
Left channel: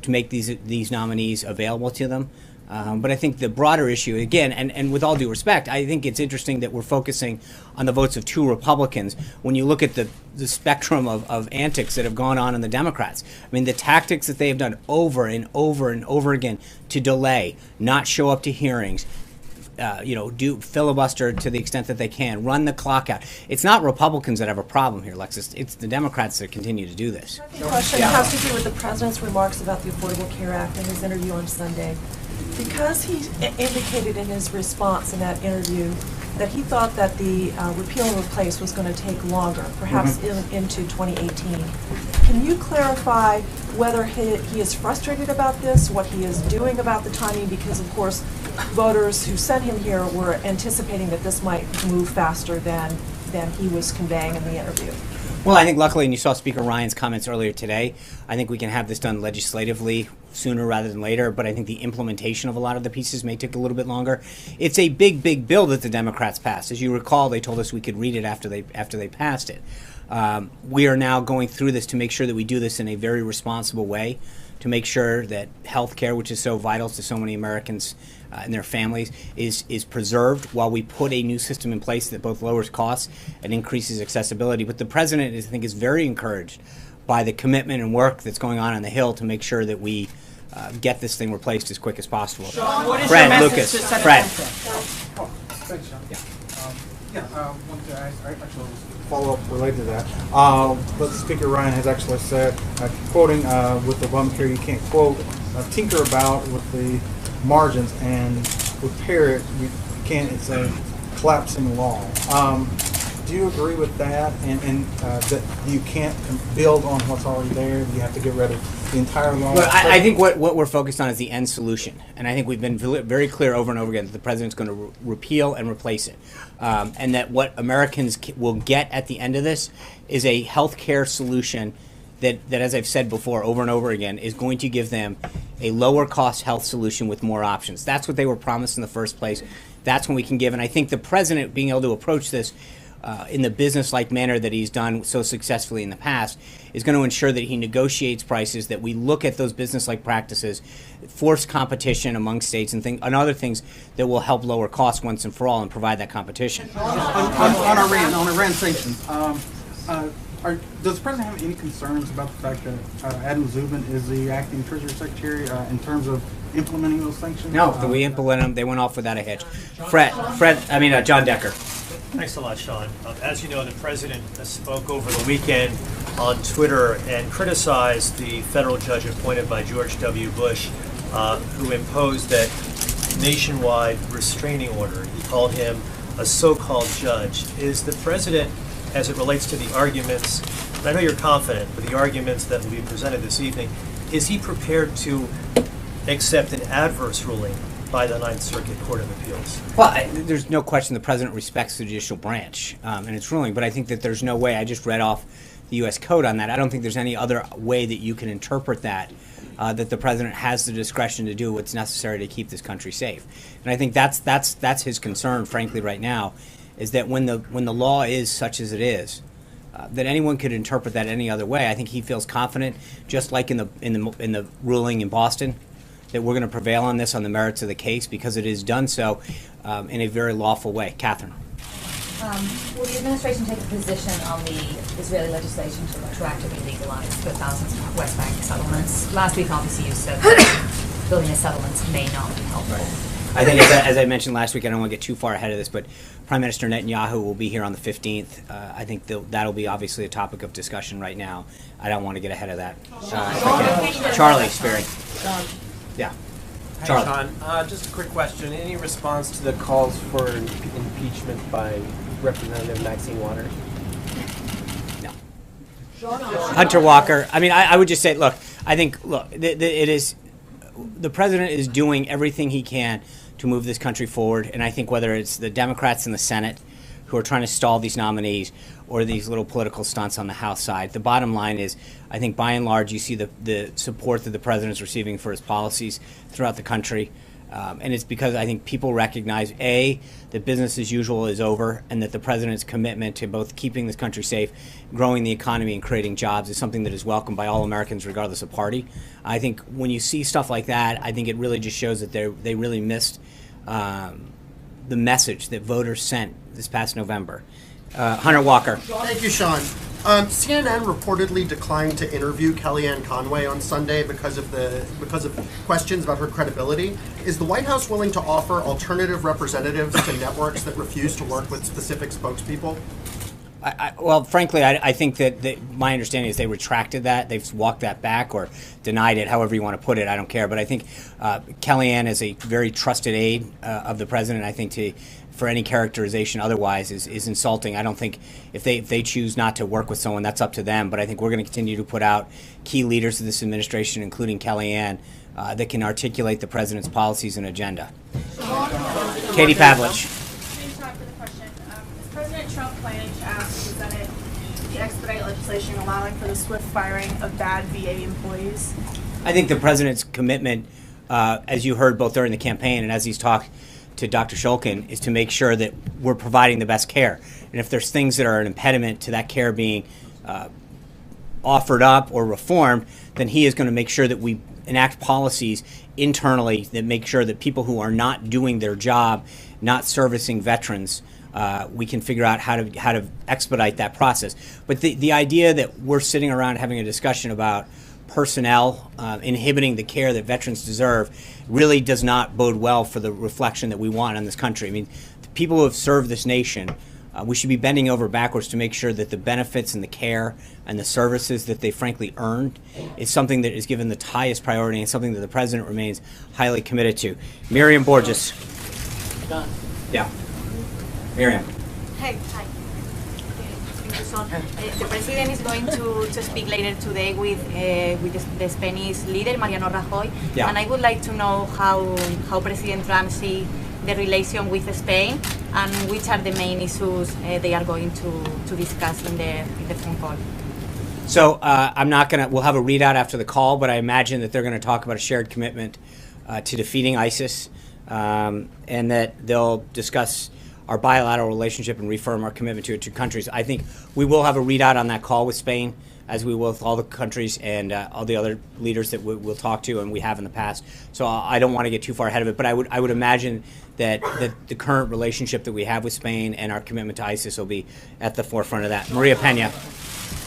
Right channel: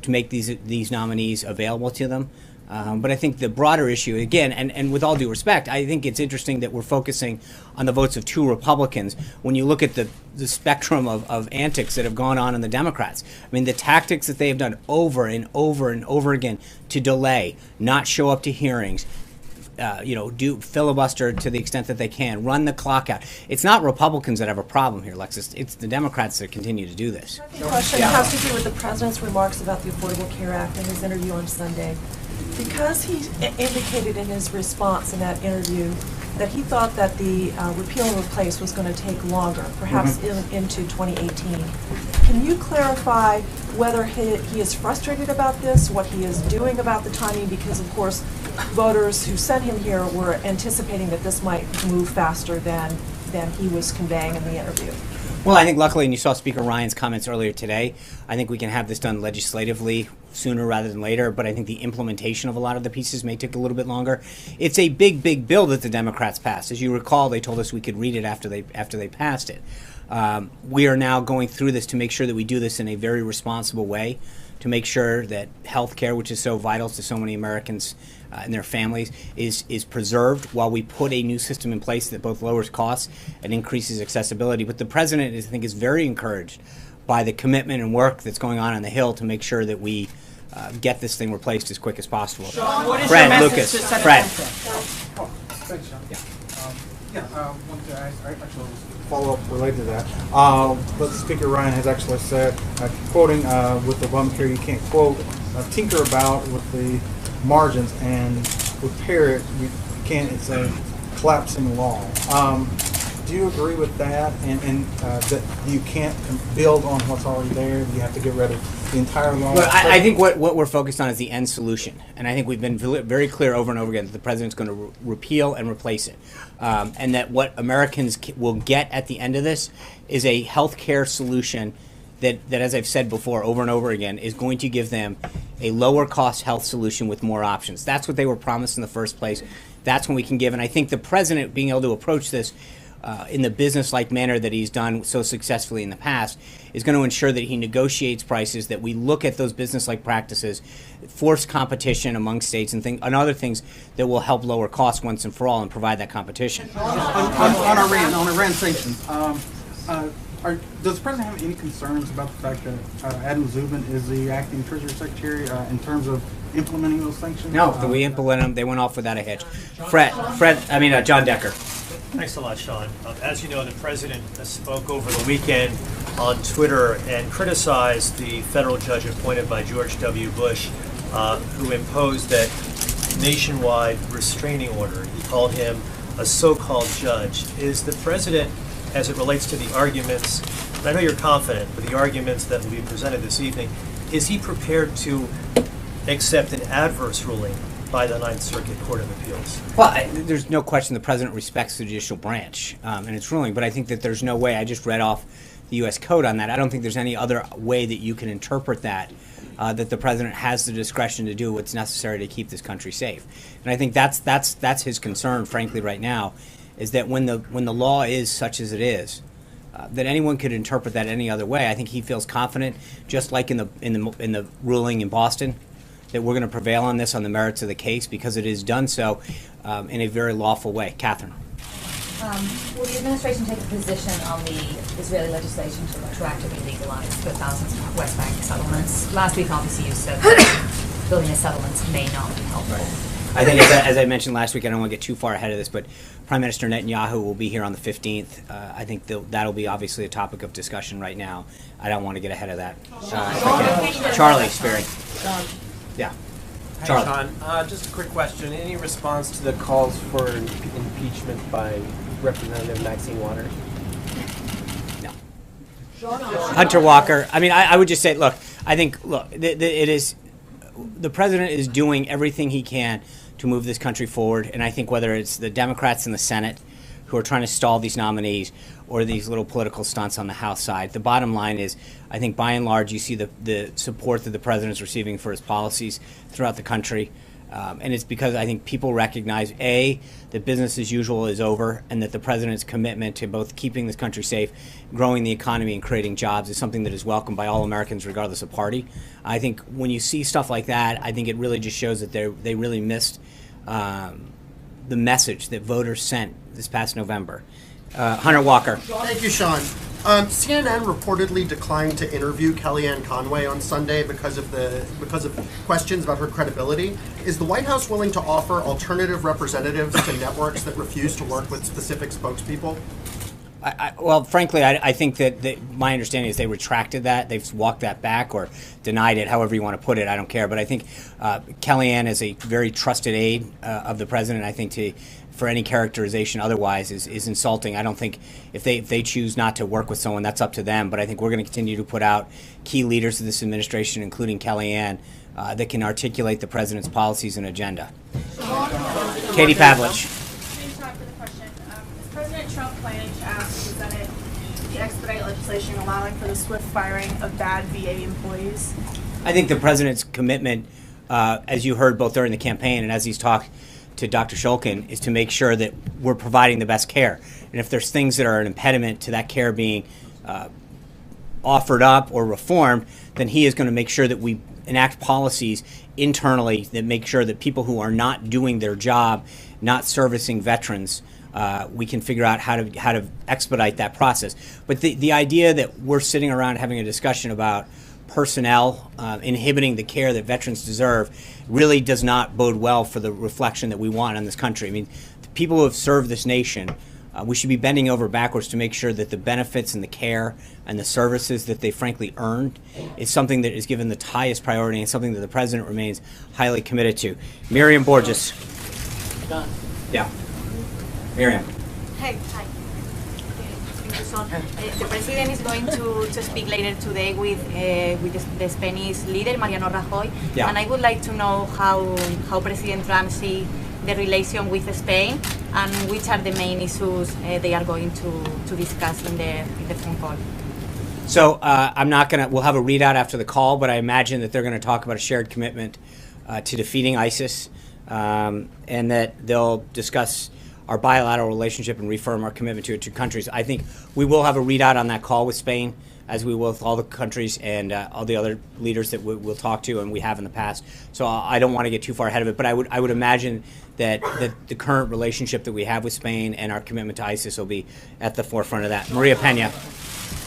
to make these nominees available to them. But I think the broader issue, again, and with all due respect, I think it's interesting that we're focusing on the votes of two Republicans when you look at the spectrum of antics that have gone on in the Democrats. I mean, the tactics that they have done over and over and over again to delay, not show up to hearings, do filibuster to the extent that they can, run the clock out. It's not Republicans that have a problem here, Alexis. It's the Democrats that continue to do this. The question has to do with the president's remarks about the Affordable Care Act in his interview on Sunday. Because he indicated in his response in that interview that he thought that the repeal and replace was going to take longer, perhaps into 2018. Can you clarify whether he is frustrated about this, what he is doing about the timing? Because, of course, voters who sent him here were anticipating that this might move faster than he was conveying in the interview. Well, I think luckily, and you saw Speaker Ryan's comments earlier today, I think we can have this done legislatively sooner rather than later, but I think the implementation of a lot of the pieces may take a little bit longer. It's a big, big bill that the Democrats passed. As you recall, they told us we could read it after they passed it. We are now going through this to make sure that we do this in a very responsible way, to make sure that health care, which is so vital to so many Americans and their families, is preserved while we put a new system in place that both lowers costs and increases accessibility. But the president, I think, is very encouraged by the commitment and work that's going on the Hill to make sure that we get this thing replaced as quick as possible. Sean, what is Fred, your Lucas, message to Senate Fred. Thanks, Sean. Yeah. Want to actually follow up related to that. But Speaker Ryan has actually said, quoting with Obamacare, you can't quote, tinker about with the margins and repair it. You can't. It's a collapsing law. Do you agree with that? And that you can't build on what's already there? You have to get rid of the entire law? Well, I think what we're focused on is the end solution. And I think we've been very clear over and over again that the president's going to repeal and replace it. And that what Americans will get at the end of this is a health care solution that, as I've said before over and over again, is going to give them a lower cost health solution with more options. That's what they were promised in the first place. That's when we can give. And I think the president being able to approach this in the business-like manner that he's done so successfully in the past is going to ensure that he negotiates prices, that we look at those business-like practices, force competition among states and other things that will help lower costs once and for all and provide that competition. On Iran sanctions, does the president have any concerns about the fact that Adam Zubin is the acting Treasury Secretary in terms of implementing those sanctions? No, we implement them. They went off without a hitch. John Decker. Thanks a lot, Sean. As you know, the president spoke over the weekend on Twitter and criticized the federal judge appointed by George W. Bush, who imposed that nationwide restraining order. He called him a so-called judge. Is the president, as it relates to the arguments, and I know you're confident, but the arguments that will be presented this evening, is he prepared to accept an adverse ruling by the Ninth Circuit Court of Appeals? Well, there's no question the president respects the judicial branch and its ruling, but I think that there's no way, I just read off the U.S. Code on that, I don't think there's any other way that you can interpret that, that the president has the discretion to do what's necessary to keep this country safe. And I think that's his concern, frankly, right now, is that when the law is such as it is, that anyone could interpret that any other way. I think he feels confident, just like in the ruling in Boston, that we're going to prevail on this on the merits of the case because it is done so in a very lawful way. Catherine. Will the administration take a position on the Israeli legislation to retroactively legalize the thousands of West Bank settlements? Last week, obviously, you said that building the settlements may not be helpful. I think, as I mentioned last week, I don't want to get too far ahead of this, but Prime Minister Netanyahu will be here on the 15th. I think that'll be obviously a topic of discussion right now. I don't want to get ahead of that. Charlie, Sperry. Yeah. Hi, Charlie. Sean. Just a quick question. Any response to the calls for impeachment by Representative Maxine Waters? No. Hunter Walker. I mean, I would just say, look, I think, it is, the president is doing everything he can to move this country forward, and I think whether it's the Democrats in the Senate who are trying to stall these nominees or these little political stunts on the House side, the bottom line is, I think by and large you see the support that the president's receiving for his policies throughout the country. And it's because I think people recognize, A, that business as usual is over, and that the president's commitment to both keeping this country safe, growing the economy, and creating jobs is something that is welcomed by all Americans regardless of party. I think when you see stuff like that, I think it really just shows that they really missed the message that voters sent this past November. Hunter Walker. Thank you, Sean. CNN reportedly declined to interview Kellyanne Conway on Sunday because of questions about her credibility. Is the White House willing to offer alternative representatives to networks that refuse to work with specific spokespeople? Well, frankly, I think that my understanding is they retracted that. They've walked that back or denied it, however you want to put it. I don't care. But I think Kellyanne is a very trusted aide of the president. I think for any characterization otherwise is insulting. I don't think if they choose not to work with someone, that's up to them. But I think we're going to continue to put out key leaders of this administration, including Kellyanne, that can articulate the president's policies and agenda. Katie Pavlich. President Trump planning to ask the Senate to expedite legislation allowing for the swift firing of bad VA employees? I think the president's commitment, as you heard both during the campaign and as he's talked to Dr. Shulkin, is to make sure that we're providing the best care. And if there's things that are an impediment to that care being offered up or reformed, then he is going to make sure that we enact policies internally that make sure that people who are not doing their job, not servicing veterans, we can figure out how to expedite that process. But the idea that we're sitting around having a discussion about personnel inhibiting the care that veterans deserve really does not bode well for the reflection that we want on this country. I mean, the people who have served this nation, we should be bending over backwards to make sure that the benefits and the care and the services that they frankly earned is something that is given the highest priority and something that the president remains highly committed to. Miriam Borges. Done. Yeah. Miriam. Hey, hi. Thank you, Sean. The president is going to speak later today with the Spanish leader, Mariano Rajoy. Yeah. And I would like to know how President Trump sees the relation with Spain and which are the main issues they are going to discuss in the phone call. So I'm not going to, we'll have a readout after the call, but I imagine that they're going to talk about a shared commitment to defeating ISIS and that they'll discuss our bilateral relationship and reaffirm our commitment to it to countries. I think we will have a readout on that call with Spain, as we will with all the countries and all the other leaders that we'll talk to, and we have in the past. So I don't want to get too far ahead of it, but I would imagine that the current relationship that we have with Spain and our commitment to ISIS will be at the forefront of that. Maria Pena.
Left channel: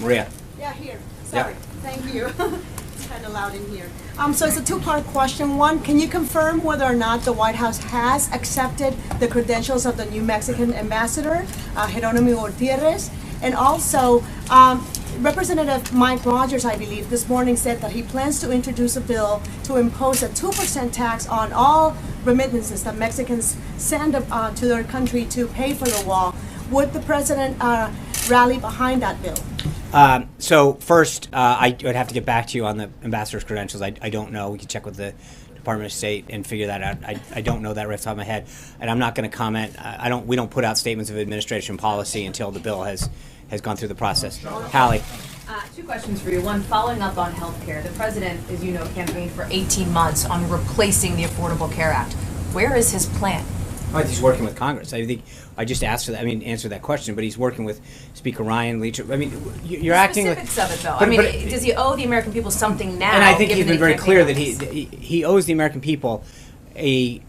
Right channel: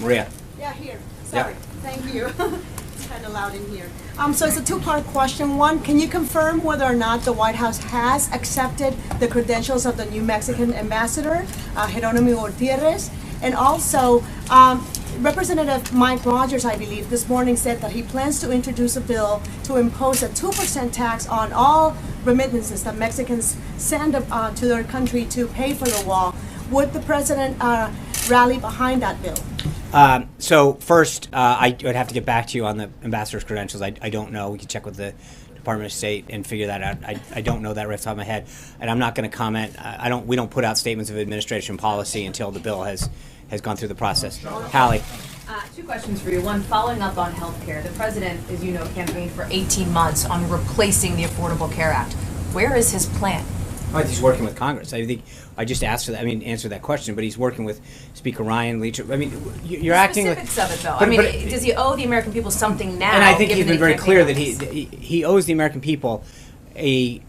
Maria. Yeah, here. Sorry. Yep. Thank you. It's kind of loud in here. So it's a two-part question. One, can you confirm whether or not the White House has accepted the credentials of the new Mexican ambassador, Jerónimo Gutiérrez? And also, Representative Mike Rogers, I believe, this morning said that he plans to introduce a bill to impose a 2% tax on all remittances that Mexicans send to their country to pay for the wall. Would the president rally behind that bill? So first, I would have to get back to you on the ambassador's credentials. I don't know. We can check with the Department of State and figure that out. I don't know that right off the top of my head, and I'm not going to comment. We don't put out statements of administration policy until the bill has gone through the process. Hallie. Two questions for you. One, following up on health care. The president, as you know, campaigned for 18 months on replacing the Affordable Care Act. Where is his plan? He's working with Congress. I think I just answered that question, but he's working with Speaker Ryan, Leach. I mean, you're acting like... Specifics of it, though. Does he owe the American people something now? And I think he's been very clear that he owes the American people a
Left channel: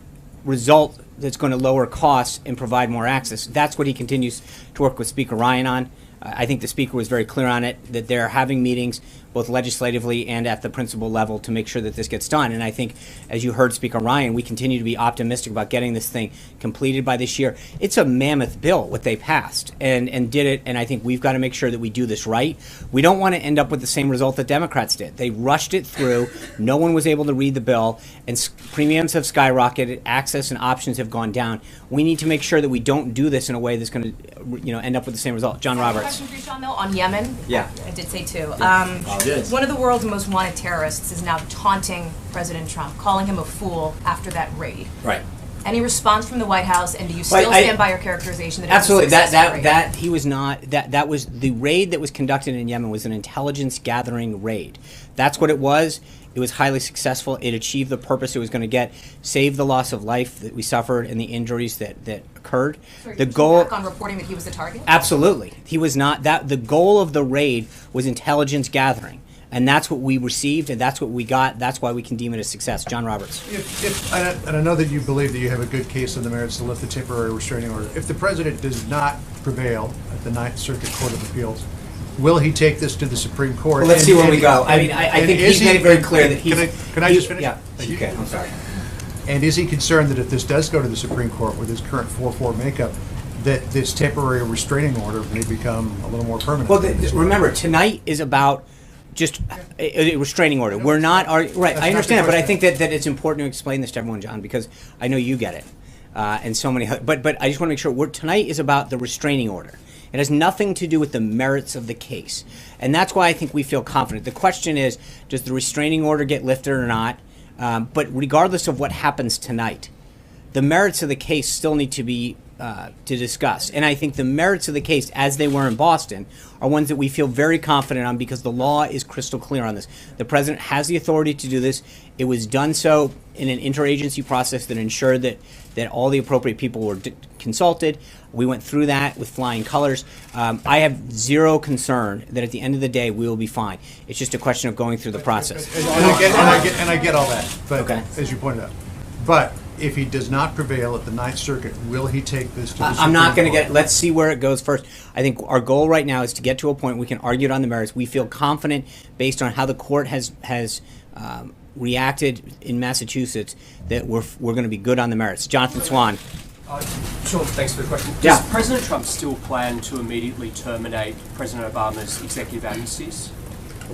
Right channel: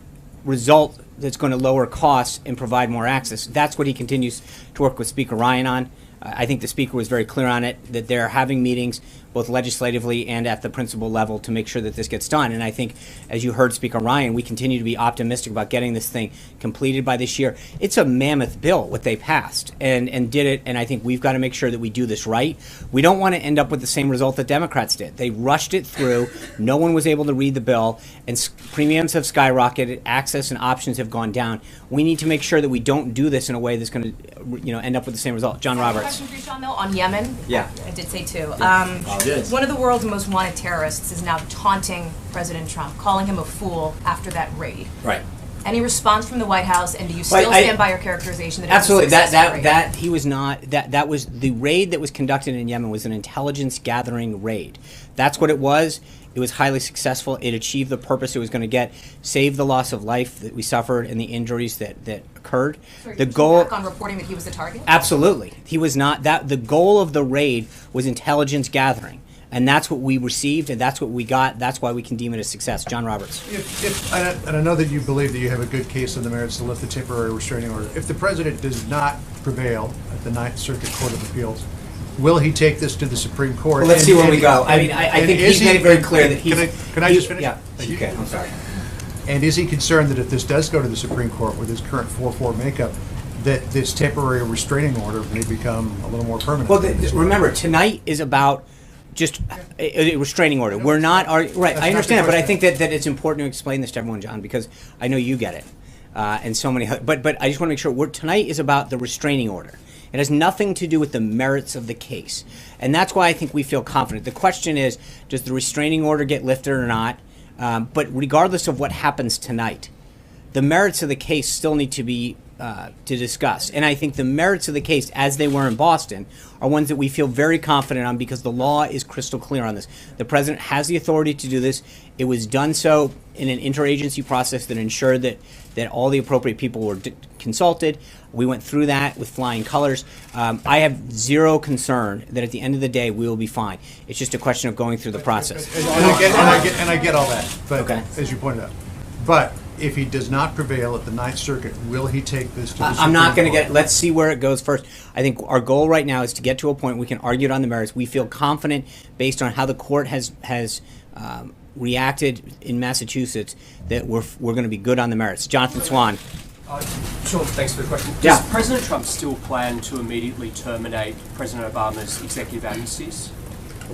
result that's going to lower costs and provide more access. That's what he continues to work with Speaker Ryan on. I think the Speaker was very clear on it, that they're having meetings both legislatively and at the principal level to make sure that this gets done. And I think, as you heard Speaker Ryan, we continue to be optimistic about getting this thing completed by this year. It's a mammoth bill, what they passed, and did it, and I think we've got to make sure that we do this right. We don't want to end up with the same result that Democrats did. They rushed it through, no one was able to read the bill, and premiums have skyrocketed, access and options have gone down. We need to make sure that we don't do this in a way that's going to end up with the same result. John Roberts. Question for you, Sean, though, on Yemen. Yeah. I did say two. One of the world's most wanted terrorists is now taunting President Trump, calling him a fool after that raid. Right. Any response from the White House, and do you still stand by your characterization that absolutely it was a successful raid? that he was not that was the raid that was conducted in Yemen was an intelligence gathering raid. That's what it was. It was highly successful. It achieved the purpose it was going to get, save the loss of life that we suffered and the injuries that occurred. So the goal back on reporting that he was the target? Absolutely. He was not. The goal of the raid was intelligence gathering. And that's what we received, and that's what we got. That's why we can deem it a success. John Roberts. And I know that you believe that you have a good case on the merits to lift the temporary restraining order. If the president does not prevail at the Ninth Circuit Court of Appeals, will he take this to the Supreme Court? Well, let's see where we go. I think he's made it very clear that he's... Can I just finish? Yeah, you can. I'm sorry. And is he concerned that if this does go to the Supreme Court with his current 4-4 makeup, that this temporary restraining order may become a little more permanent? Well, remember, tonight is about just a restraining order. We're not... Right, I understand, but I think that it's important to explain this to everyone, John, because I know you get it. And so many... But I just want to make sure, tonight is about the restraining order. It has nothing to do with the merits of the case. And that's why I think we feel confident. The question is, does the restraining order get lifted or not? But regardless of what happens tonight, the merits of the case still need to be to discuss. And I think the merits of the case, as they were in Boston, are ones that we feel very confident on because the law is crystal clear on this. The president has the authority to do this. It was done so in an interagency process that ensured that all the appropriate people were consulted. We went through that with flying colors. I have zero concern that at the end of the day we will be fine. It's just a question of going through the process. And I get all that, but okay. As you pointed out. But if he does not prevail at the Ninth Circuit, will he take this to the Supreme Court? I'm not going to get... Let's see where it goes first. I think our goal right now is to get to a point we can argue it on the merits. We feel confident, based on how the court has reacted in Massachusetts, that we're going to be good on the merits. Jonathan Swan. Sean, thanks for the question. Does Yeah. President Trump still plan to immediately terminate President Obama's executive amnesties?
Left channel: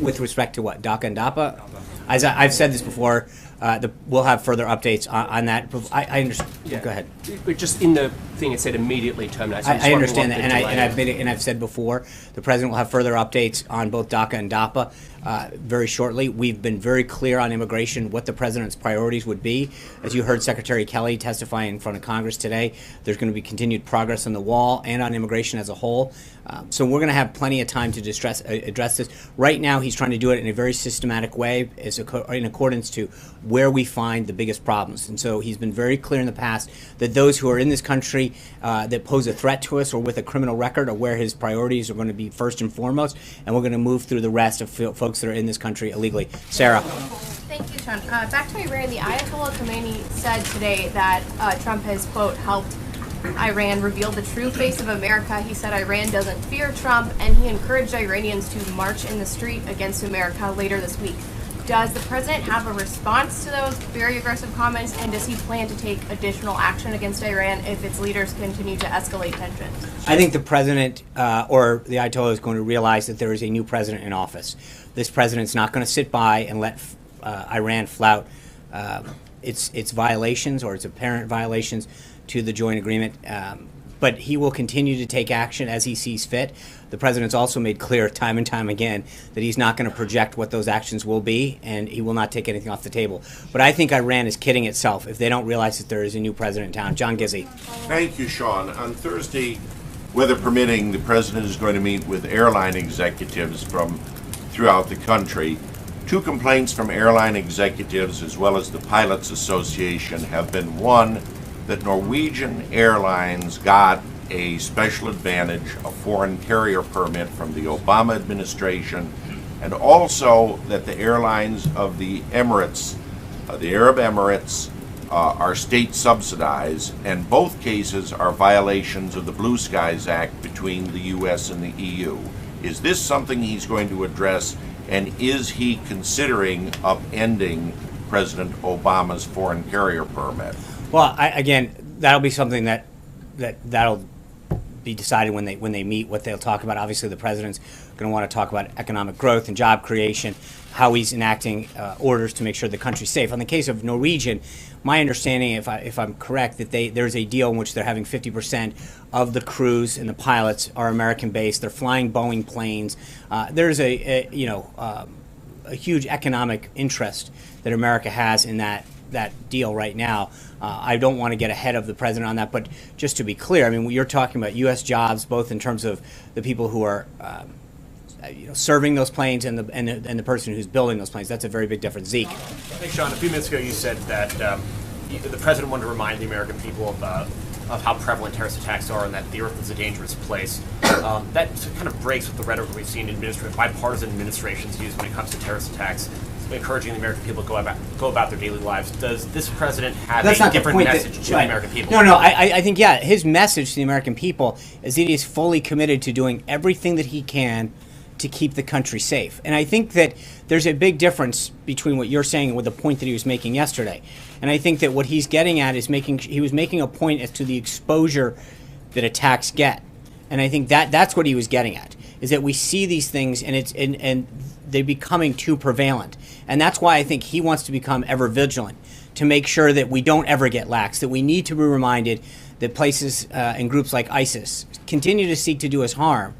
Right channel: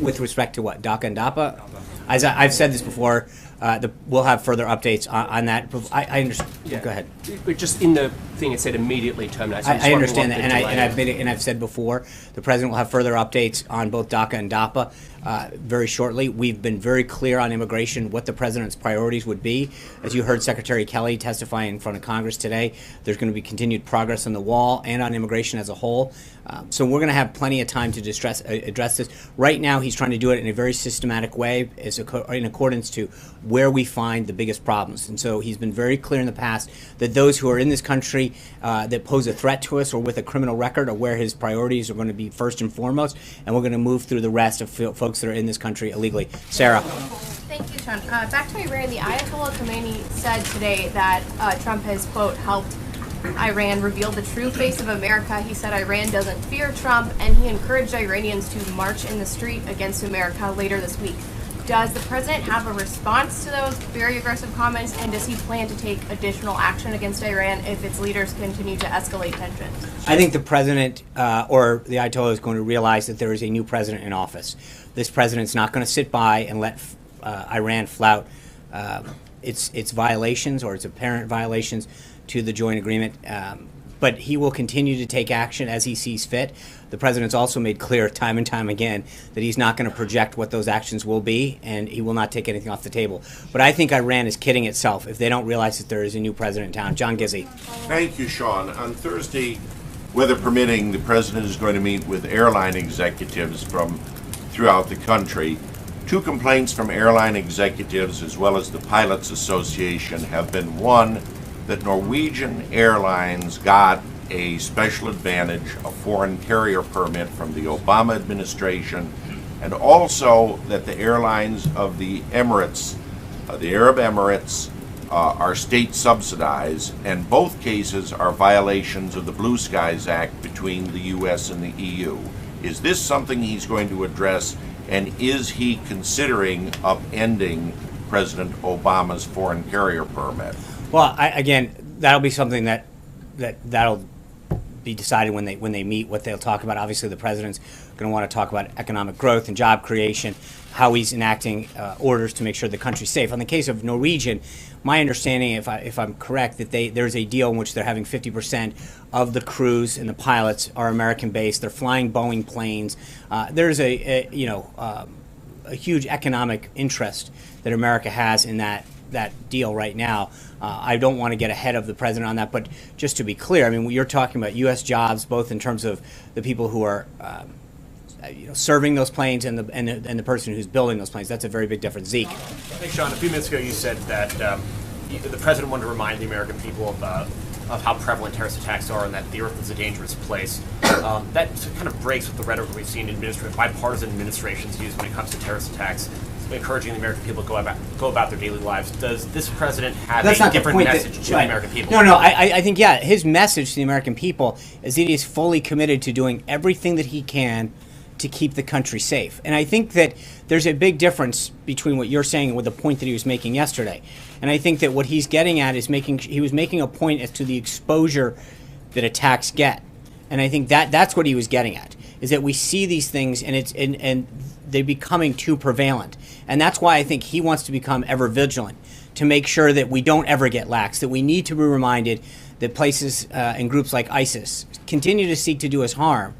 With respect to what? DACA and DAPA? As I've said this before, we'll have further updates on that. I understand. Yeah. Go ahead. But just in the thing it said immediately terminate. So I understand that, and I've said before, the president will have further updates on both DACA and DAPA very shortly. We've been very clear on immigration, what the president's priorities would be. As you heard Secretary Kelly testify in front of Congress today, there's going to be continued progress on the wall and on immigration as a whole. So we're going to have plenty of time to address this. Right now, he's trying to do it in a very systematic way, in accordance to where we find the biggest problems. And so he's been very clear in the past that those who are in this country that pose a threat to us or with a criminal record are where his priorities are going to be first and foremost, and we're going to move through the rest of folks that are in this country illegally. Sarah. Thank you, Sean. Back to Iran, the Ayatollah Khomeini said today that Trump has, quote, helped Iran reveal the true face of America. He said Iran doesn't fear Trump, and he encouraged Iranians to march in the street against America later this week. Does the president have a response to those very aggressive comments, and does he plan to take additional action against Iran if its leaders continue to escalate tensions? I think the president or the Ayatollah is going to realize that there is a new president in office. This president's not going to sit by and let Iran flout its violations or its apparent violations to the joint agreement. But he will continue to take action as he sees fit. The president's also made clear time and time again that he's not going to project what those actions will be, and he will not take anything off the table. But I think Iran is kidding itself if they don't realize that there is a new president in town. John Gizzi. Thank you, Sean. On Thursday, weather permitting, the president is going to meet with airline executives from throughout the country. 2 complaints from airline executives as well as the Pilots Association have been, one, that Norwegian Airlines got a special advantage, a foreign carrier permit from the Obama administration, and also that the airlines of the Emirates, the Arab Emirates, are state subsidized, and both cases are violations of the Blue Skies Act between the U.S. and the EU. Is this something he's going to address, and is he considering upending President Obama's foreign carrier permit? Well, again, that'll be something that'll be decided when they meet, what they'll talk about. Obviously, the president's going to want to talk about economic growth and job creation, how he's enacting orders to make sure the country's safe. On the case of Norwegian, my understanding, if I'm correct, that there's a deal in which they're having 50% of the crews and the pilots are American-based. They're flying Boeing planes. There's a huge economic interest that America has in that deal right now. I don't want to get ahead of the president on that, but just to be clear, I mean, you're talking about U.S. jobs, both in terms of the people who are serving those planes and the person who's building those planes. That's a very big difference. Zeke. Thanks, Sean. A few minutes ago, you said that the president wanted to remind the American people of how prevalent terrorist attacks are and that the earth is a dangerous place. That kind of breaks with the rhetoric we've seen bipartisan administrations use when it comes to terrorist attacks, encouraging the American people to go about their daily lives. Does this president have a different message to the American people? No. I think, his message to the American people is that he is fully committed to doing everything that he can to keep the country safe. And I think that there's a big difference between what you're saying and with the point that he was making yesterday. And I think that what he's getting at is he was making a point as to the exposure that attacks get. And I think that's what he was getting at, is that we see these things and they're becoming too prevalent. And that's why I think he wants to become ever vigilant to make sure that we don't ever get lax, that we need to be reminded that places and groups like ISIS continue to seek to do us harm,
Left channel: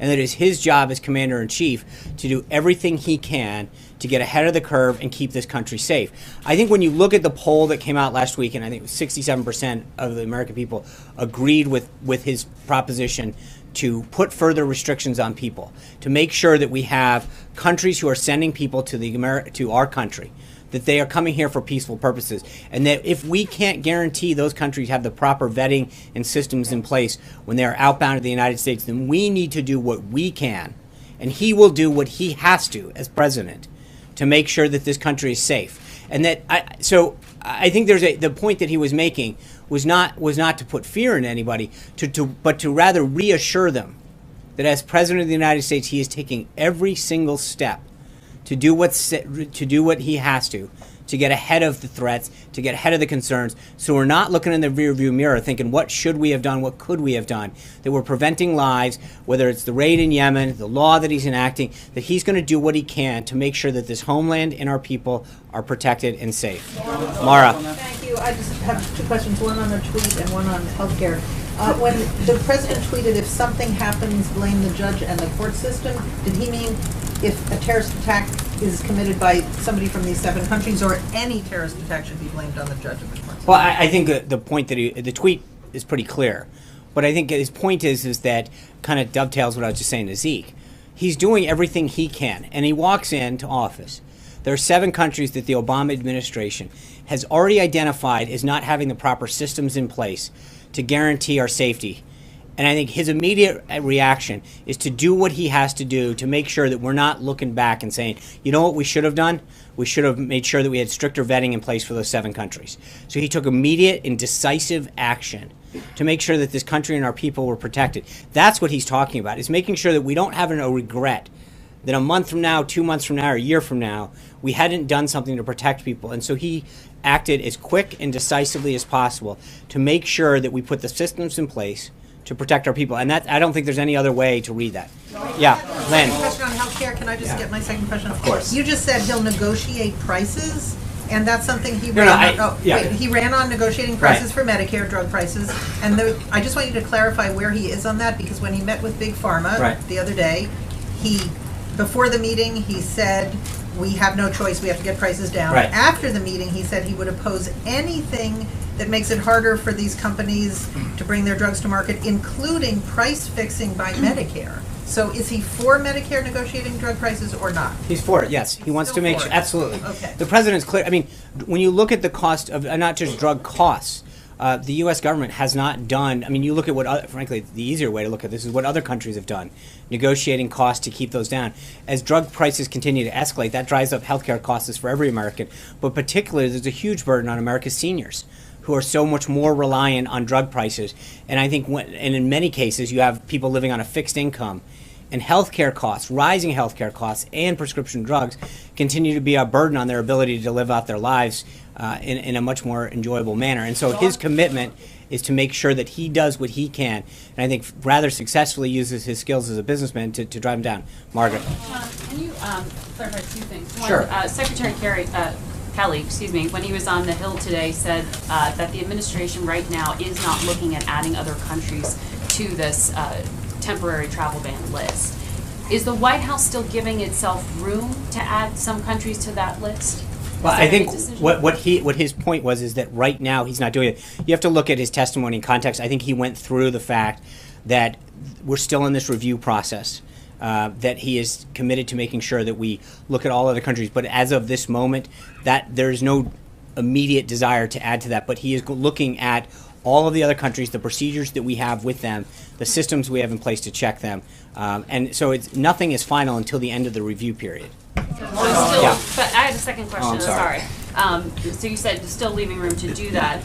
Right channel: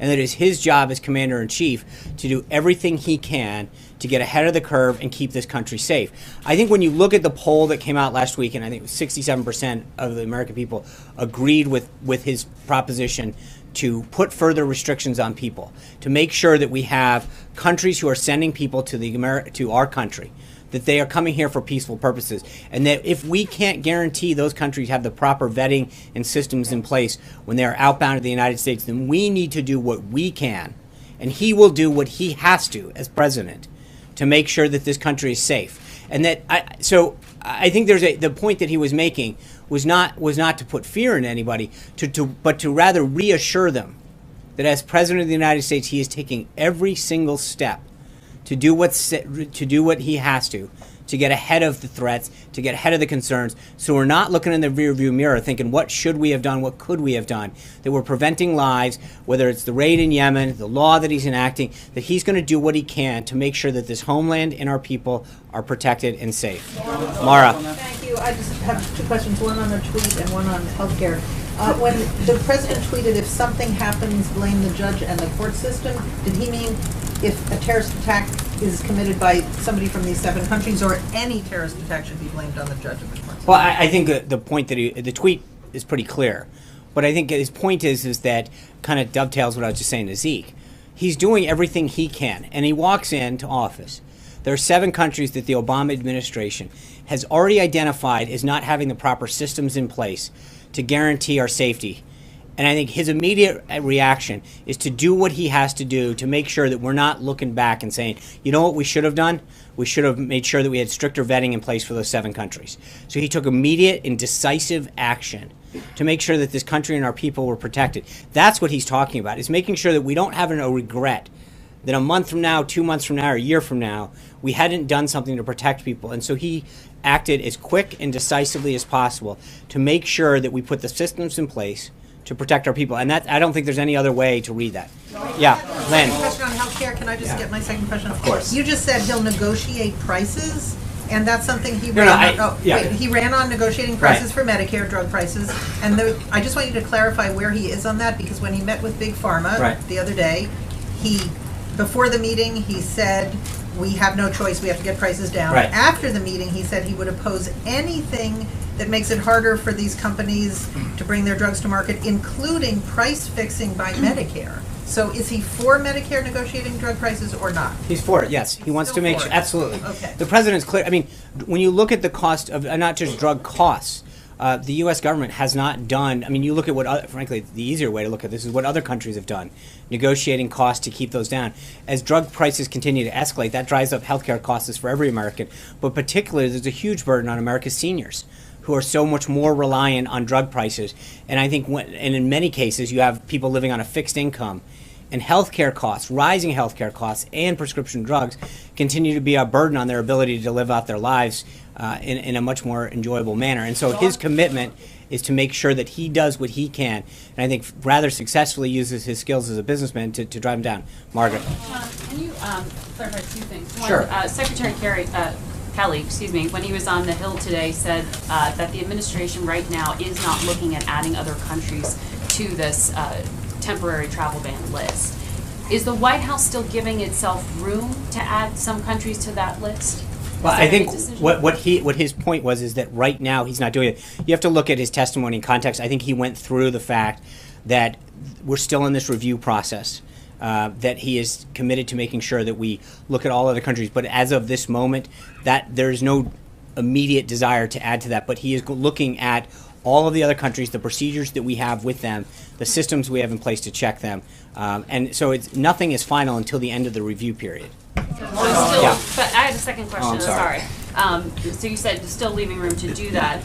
and that it is his job as commander-in-chief to do everything he can to get ahead of the curve and keep this country safe. I think when you look at the poll that came out last week, and I think 67% of the American people agreed with his proposition to put further restrictions on people, to make sure that we have countries who are sending people to our country, that they are coming here for peaceful purposes, and that if we can't guarantee those countries have the proper vetting and systems in place when they are outbound to the United States, then we need to do what we can, and he will do what he has to as president to make sure that this country is safe. And that I think the point that he was making was not to put fear in anybody, but to rather reassure them that as president of the United States, he is taking every single step to do what he has to get ahead of the threats, to get ahead of the concerns. So we're not looking in the rearview mirror thinking, what should we have done, what could we have done? That we're preventing lives, whether it's the raid in Yemen, the law that he's enacting, that he's going to do what he can to make sure that this homeland and our people are protected and safe. Mara. Thank you. I just have 2 questions, one on the tweet and one on healthcare. When the president tweeted, if something happens, blame the judge and the court system, did he mean if a terrorist attack is committed by somebody from these 7 countries, or any terrorist attack should be blamed on the judge and the court system? Well, I think the point that the tweet is pretty clear. But I think his point is that kind of dovetails what I was just saying to Zeke. He's doing everything he can, and he walks into office. There are 7 countries that the Obama administration has already identified as not having the proper systems in place to guarantee our safety. And I think his immediate reaction is to do what he has to do to make sure that we're not looking back and saying, you know what we should have done? We should have made sure that we had stricter vetting in place for those 7 countries. So he took immediate and decisive action to make sure that this country and our people were protected. That's what he's talking about, is making sure that we don't have a regret that a month from now, 2 months from now, or a year from now, we hadn't done something to protect people. And so he acted as quick and decisively as possible to make sure that we put the systems in place to protect our people. And that, I don't think there's any other way to read that. Yeah, Len. Question on healthcare. Can I just get my second question? Of course. You just said he'll negotiate prices, and that's something he No, ran no, on. yeah. He ran on negotiating prices Right. for Medicare drug prices. And I just want you to clarify where he is on that, because when he met with Big Pharma Right. the other day, before the meeting, he said, we have no choice, we have to get prices down. Right. After the meeting, he said he would oppose anything that makes it harder for these companies to bring their drugs to market, including price fixing by Medicare. So is he for Medicare negotiating drug prices or not? He's for it, yes. He wants to make for sure, it. absolutely. Okay. The president's clear. I mean, when you look at the cost of, not just drug costs, the U.S. government has not done, I mean, you look at what, frankly, the easier way to look at this is what other countries have done, negotiating costs to keep those down. As drug prices continue to escalate, that drives up healthcare costs for every American, but particularly there's a huge burden on America's seniors, who are so much more reliant on drug prices. And I think, and in many cases, you have people living on a fixed income, and healthcare costs, rising healthcare costs, and prescription drugs continue to be a burden on their ability to live out their lives in a much more enjoyable manner. And so his commitment is to make sure that he does what he can, and I think rather successfully uses his skills as a businessman to drive him down. Margaret. Can you clarify two things? One, Sure. Secretary Kelly, when he was on the Hill today, said that the administration right now is not looking at adding other countries to this temporary travel ban list. Is the White House still giving itself room to add some countries to that list? Well, I think what his point was is that right now he's not doing it. You have to look at his testimony in context. I think he went through the fact that we're still in this review process, that he is committed to making sure that we look at all other countries. But as of this moment, that there's no immediate desire to add to that. But he is looking at all of the other countries, the procedures that we have with them, the systems we have in place to check them. And so nothing is final until the end of the review period. Yeah. But I had a second question. I'm sorry. So you said still leaving room to do that.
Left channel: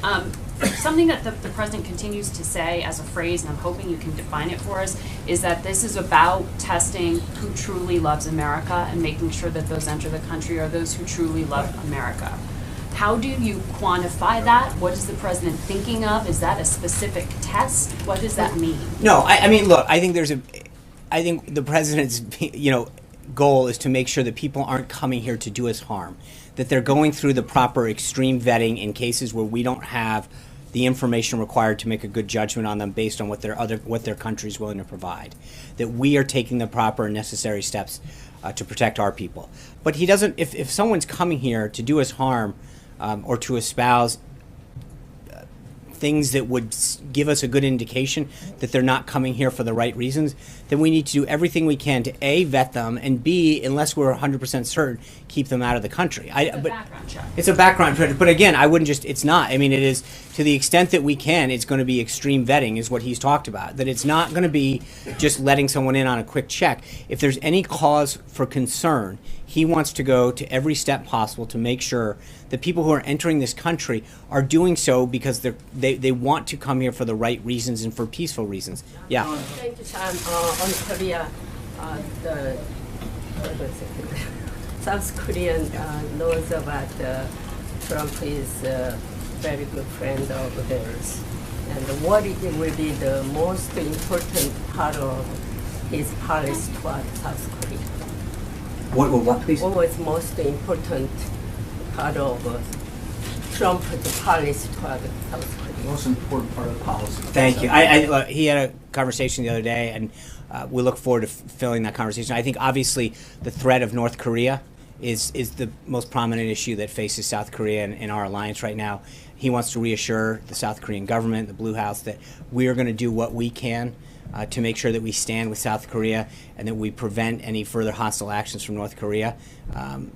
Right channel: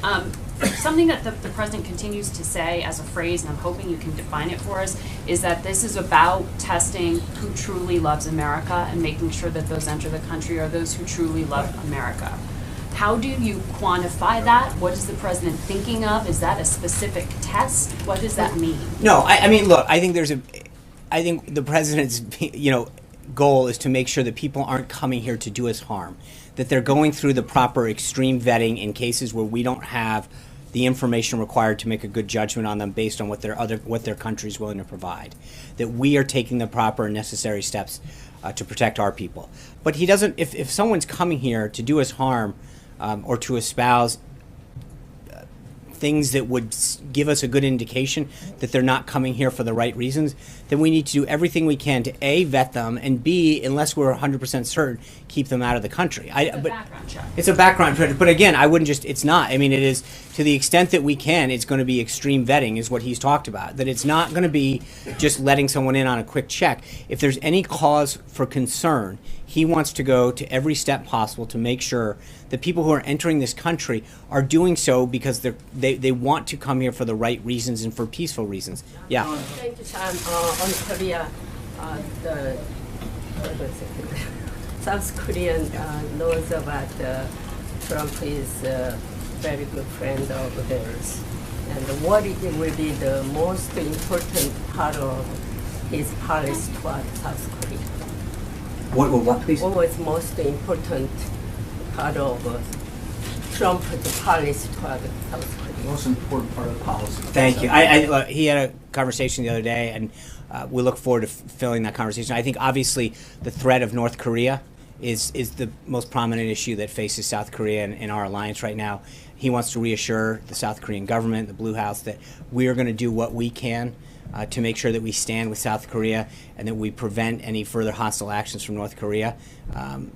Something that the president continues to say as a phrase, and I'm hoping you can define it for us, is that this is about testing who truly loves America and making sure that those enter the country are those who truly love America. How do you quantify that? What is the president thinking of? Is that a specific test? What does that mean? No, I mean, look, I think I think the president's, goal is to make sure that people aren't coming here to do us harm, that they're going through the proper extreme vetting in cases where we don't have the information required to make a good judgment on them based on what their country is willing to provide, that we are taking the proper and necessary steps to protect our people. But he doesn't, if someone's coming here to do us harm or to espouse things that would give us a good indication that they're not coming here for the right reasons, then we need to do everything we can to A, vet them, and B, unless we're 100% certain, keep them out of the country. It's a background check. It's a background check, but again, I wouldn't just, it's not. I mean, it is, to the extent that we can, it's going to be extreme vetting is what he's talked about, that it's not going to be just letting someone in on a quick check. If there's any cause for concern, he wants to go to every step possible to make sure that people who are entering this country are doing so because they want to come here for the right reasons and for peaceful reasons. Yeah. Thank you, Sean. On Korea, the South Korean knows about Trump is a very good friend of theirs. And what will be the most important part of his policy toward South Korea? What, please? What was most important part of Trump's policy toward South Korea? Most important part of the policy. Thank you. He had a conversation the other day, and we look forward to filling that conversation. I think obviously the threat of North Korea is the most prominent issue that faces South Korea in our alliance right now. He wants to reassure the South Korean government, the Blue House, that we are going to do what we can to make sure that we stand with South Korea and that we prevent any further hostile actions from North Korea.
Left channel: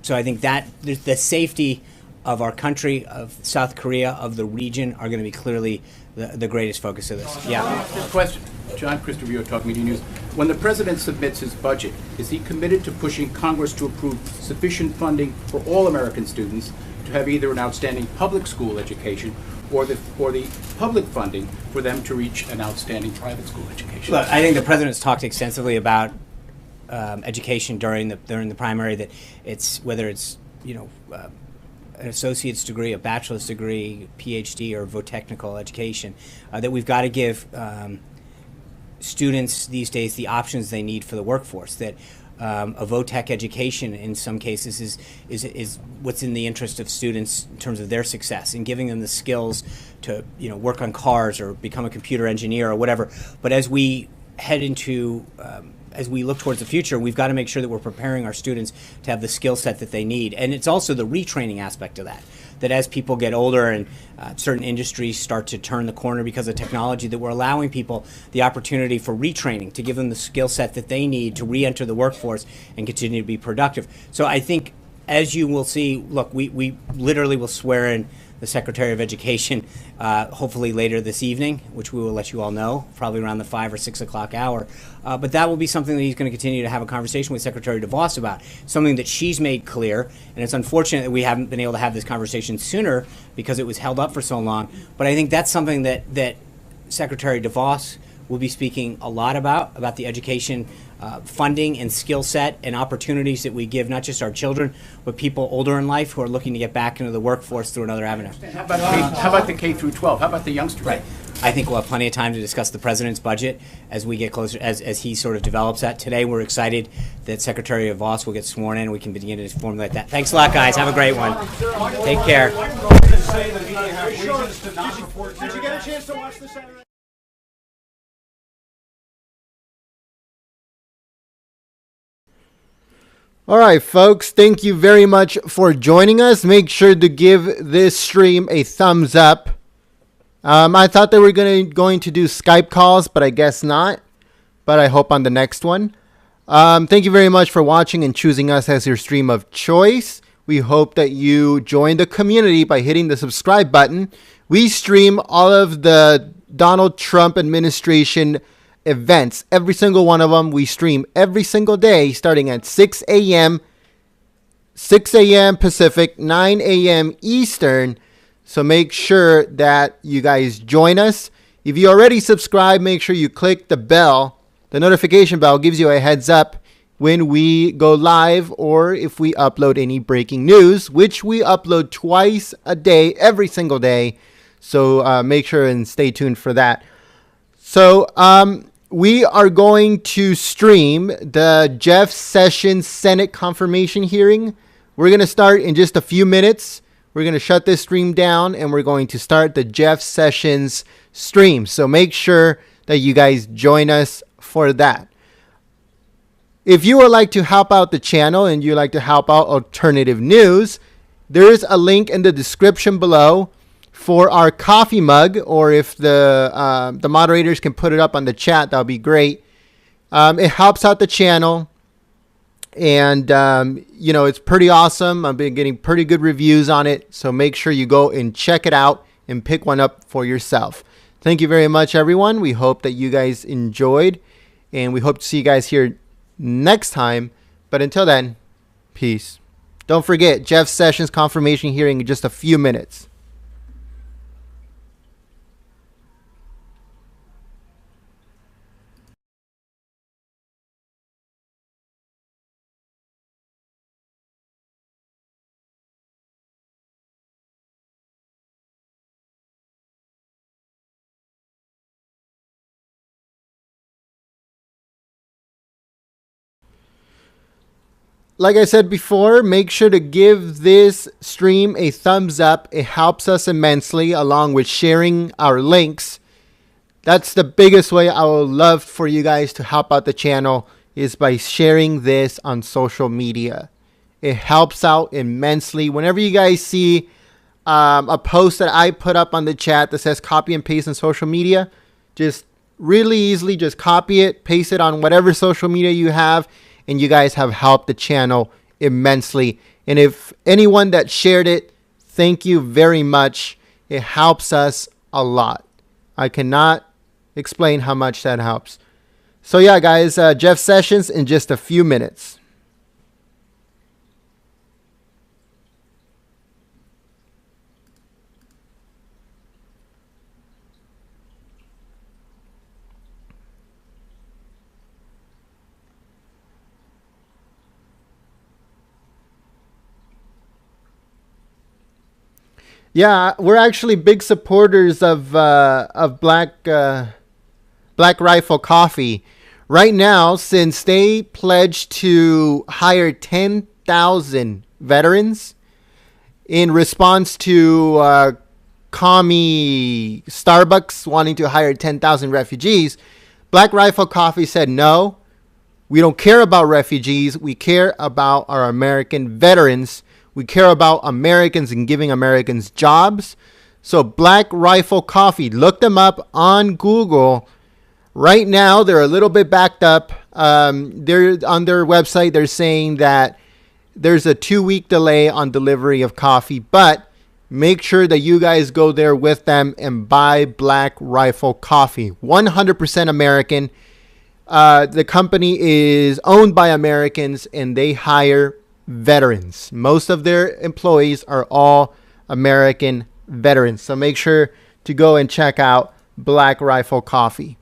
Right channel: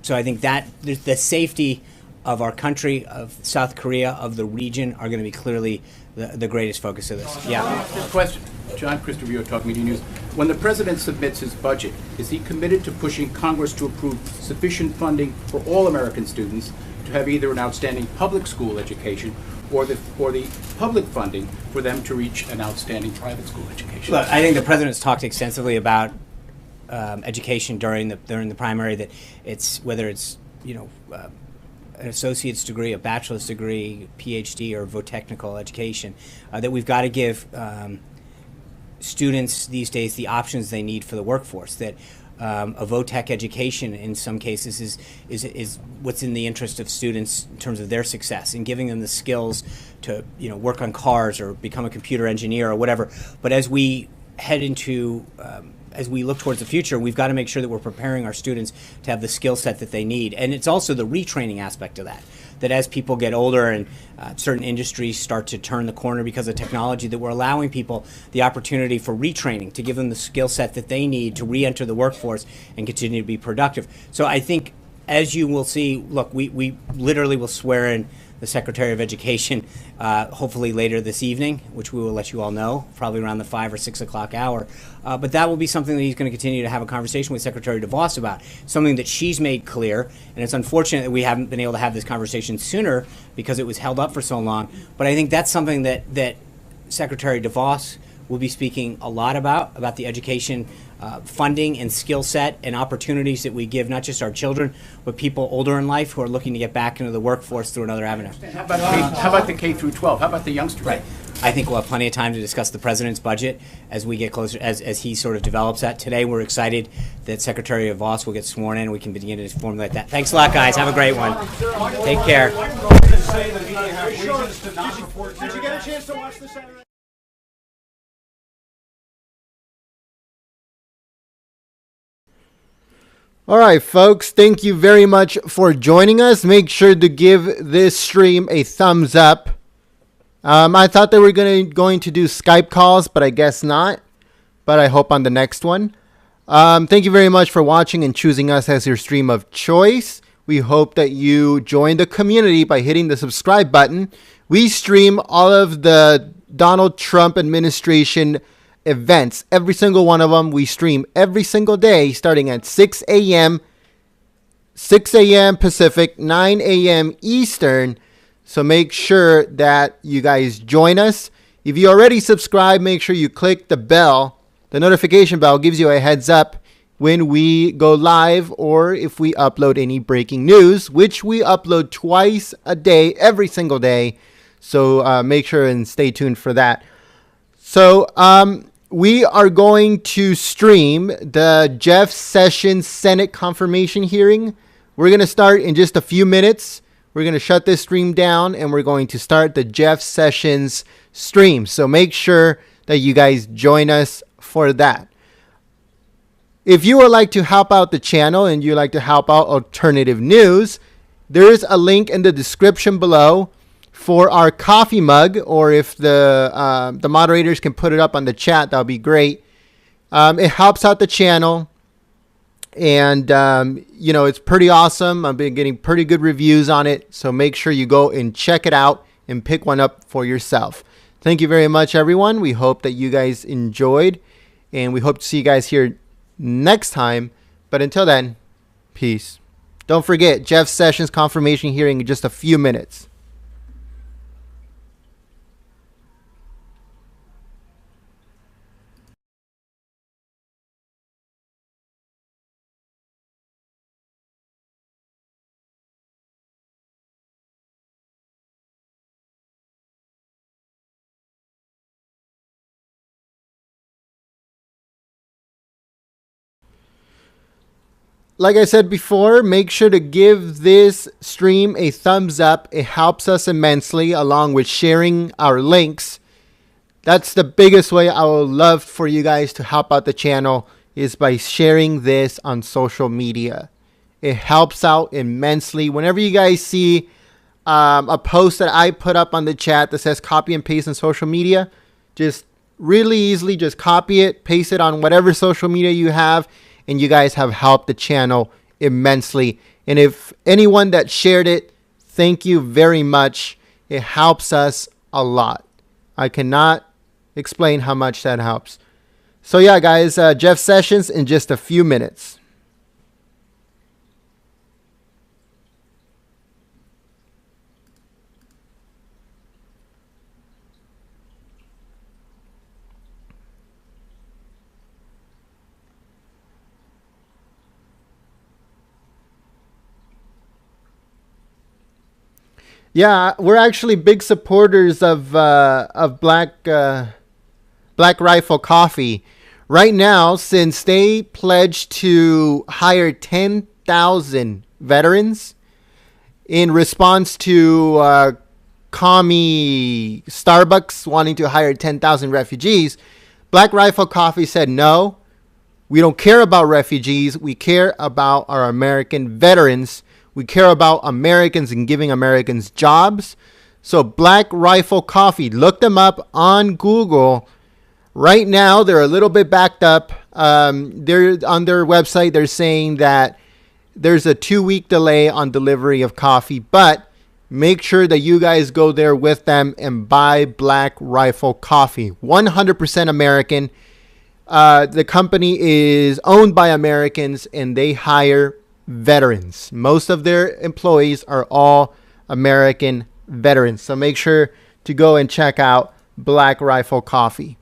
So I think that the safety of our country, of South Korea, of the region are going to be clearly the greatest focus of this. Yeah. Question. John Christopher, Talk Media News. When the president submits his budget, is he committed to pushing Congress to approve sufficient funding for all American students to have either an outstanding public school education or the public funding for them to reach an outstanding private school education? Look, I think the president's talked extensively about education during the primary, that it's whether it's an associate's degree, a bachelor's degree, PhD, or vo-technical education, that we've got to give students these days the options they need for the workforce. That a vo-tech education in some cases is what's in the interest of students in terms of their success, and giving them the skills to work on cars or become a computer engineer or whatever. But as we head into as we look towards the future, we've got to make sure that we're preparing our students to have the skill set that they need. And it's also the retraining aspect of that, that as people get older and certain industries start to turn the corner because of technology, that we're allowing people the opportunity for retraining, to give them the skill set that they need to re-enter the workforce and continue to be productive. So I think, as you will see, look, we literally will swear in the Secretary of Education hopefully later this evening, which we will let you all know, probably around the 5 or 6 o'clock hour. But that will be something that he's going to continue to have a conversation with Secretary DeVos about, something that she's made clear. And it's unfortunate that we haven't been able to have this conversation sooner because it was held up for so long. But I think that's something that Secretary DeVos will be speaking a lot about the education funding and skill set and opportunities that we give not just our children, but people older in life who are looking to get back into the workforce through another avenue. How about the K through 12? How about the youngsters? Right. I think we'll have plenty of time to discuss the president's budget as we get closer, as he sort of develops that. Today, we're excited that Secretary DeVos will get sworn in and we can begin to formulate that. Thanks a lot, guys. Have a great one. Take care. Did you get a chance to watch the Saturday? All right, folks, thank you very much for joining us. Make sure to give this stream a thumbs up. I thought they were going to do Skype calls, but I guess not. But I hope on the next one. Thank you very much for watching and choosing us as your stream of choice. We hope that you join the community by hitting the subscribe button. We stream all of the Donald Trump administration events, every single one of them. We stream every single day starting at 6 a.m. Pacific, 9 a.m. Eastern. So make sure that you guys join us. If you already subscribed, make sure you click the bell. The notification bell gives you a heads up when we go live or if we upload any breaking news, which we upload twice a day, every single day. So make sure and stay tuned for that. So we are going to stream the Jeff Sessions Senate confirmation hearing. We're going to start in just a few minutes. We're going to shut this stream down and we're going to start the Jeff Sessions stream. So make sure that you guys join us for that. If you would like to help out the channel and you like to help out alternative news, there is a link in the description below for our coffee mug, or if the moderators can put it up on the chat, that would be great. It helps out the channel, and it's pretty awesome. I've been getting pretty good reviews on it, so make sure you go and check it out and pick one up for yourself. Thank you very much, everyone. We hope that you guys enjoyed, and we hope to see you guys here next time. But until then, peace. Don't forget, Jeff Sessions confirmation hearing in just a few minutes. Like I said before, make sure to give this stream a thumbs up. It helps us immensely, along with sharing our links. That's the biggest way I would love for you guys to help out the channel, is by sharing this on social media. It helps out immensely. Whenever you guys see a post that I put up on the chat that says copy and paste on social media, just really easily just copy it, paste it on whatever social media you have, and you guys have helped the channel immensely. And if anyone that shared it, thank you very much. It helps us a lot. I cannot explain how much that helps. So yeah, guys, Jeff Sessions in just a few minutes. Yeah, we're actually big supporters of Black Rifle Coffee. Right now, since they pledged to hire 10,000 veterans in response to commie Starbucks wanting to hire 10,000 refugees, Black Rifle Coffee said, no, we don't care about refugees. We care about our American veterans. We care about Americans and giving Americans jobs. So Black Rifle Coffee, look them up on Google. Right now, they're a little bit backed up. They're on their website. They're saying that there's a 2-week delay on delivery of coffee, but make sure that you guys go there with them and buy Black Rifle Coffee. 100% American. The company is owned by Americans and they hire veterans. Most of their employees are all American veterans. So make sure to go and check out Black Rifle Coffee.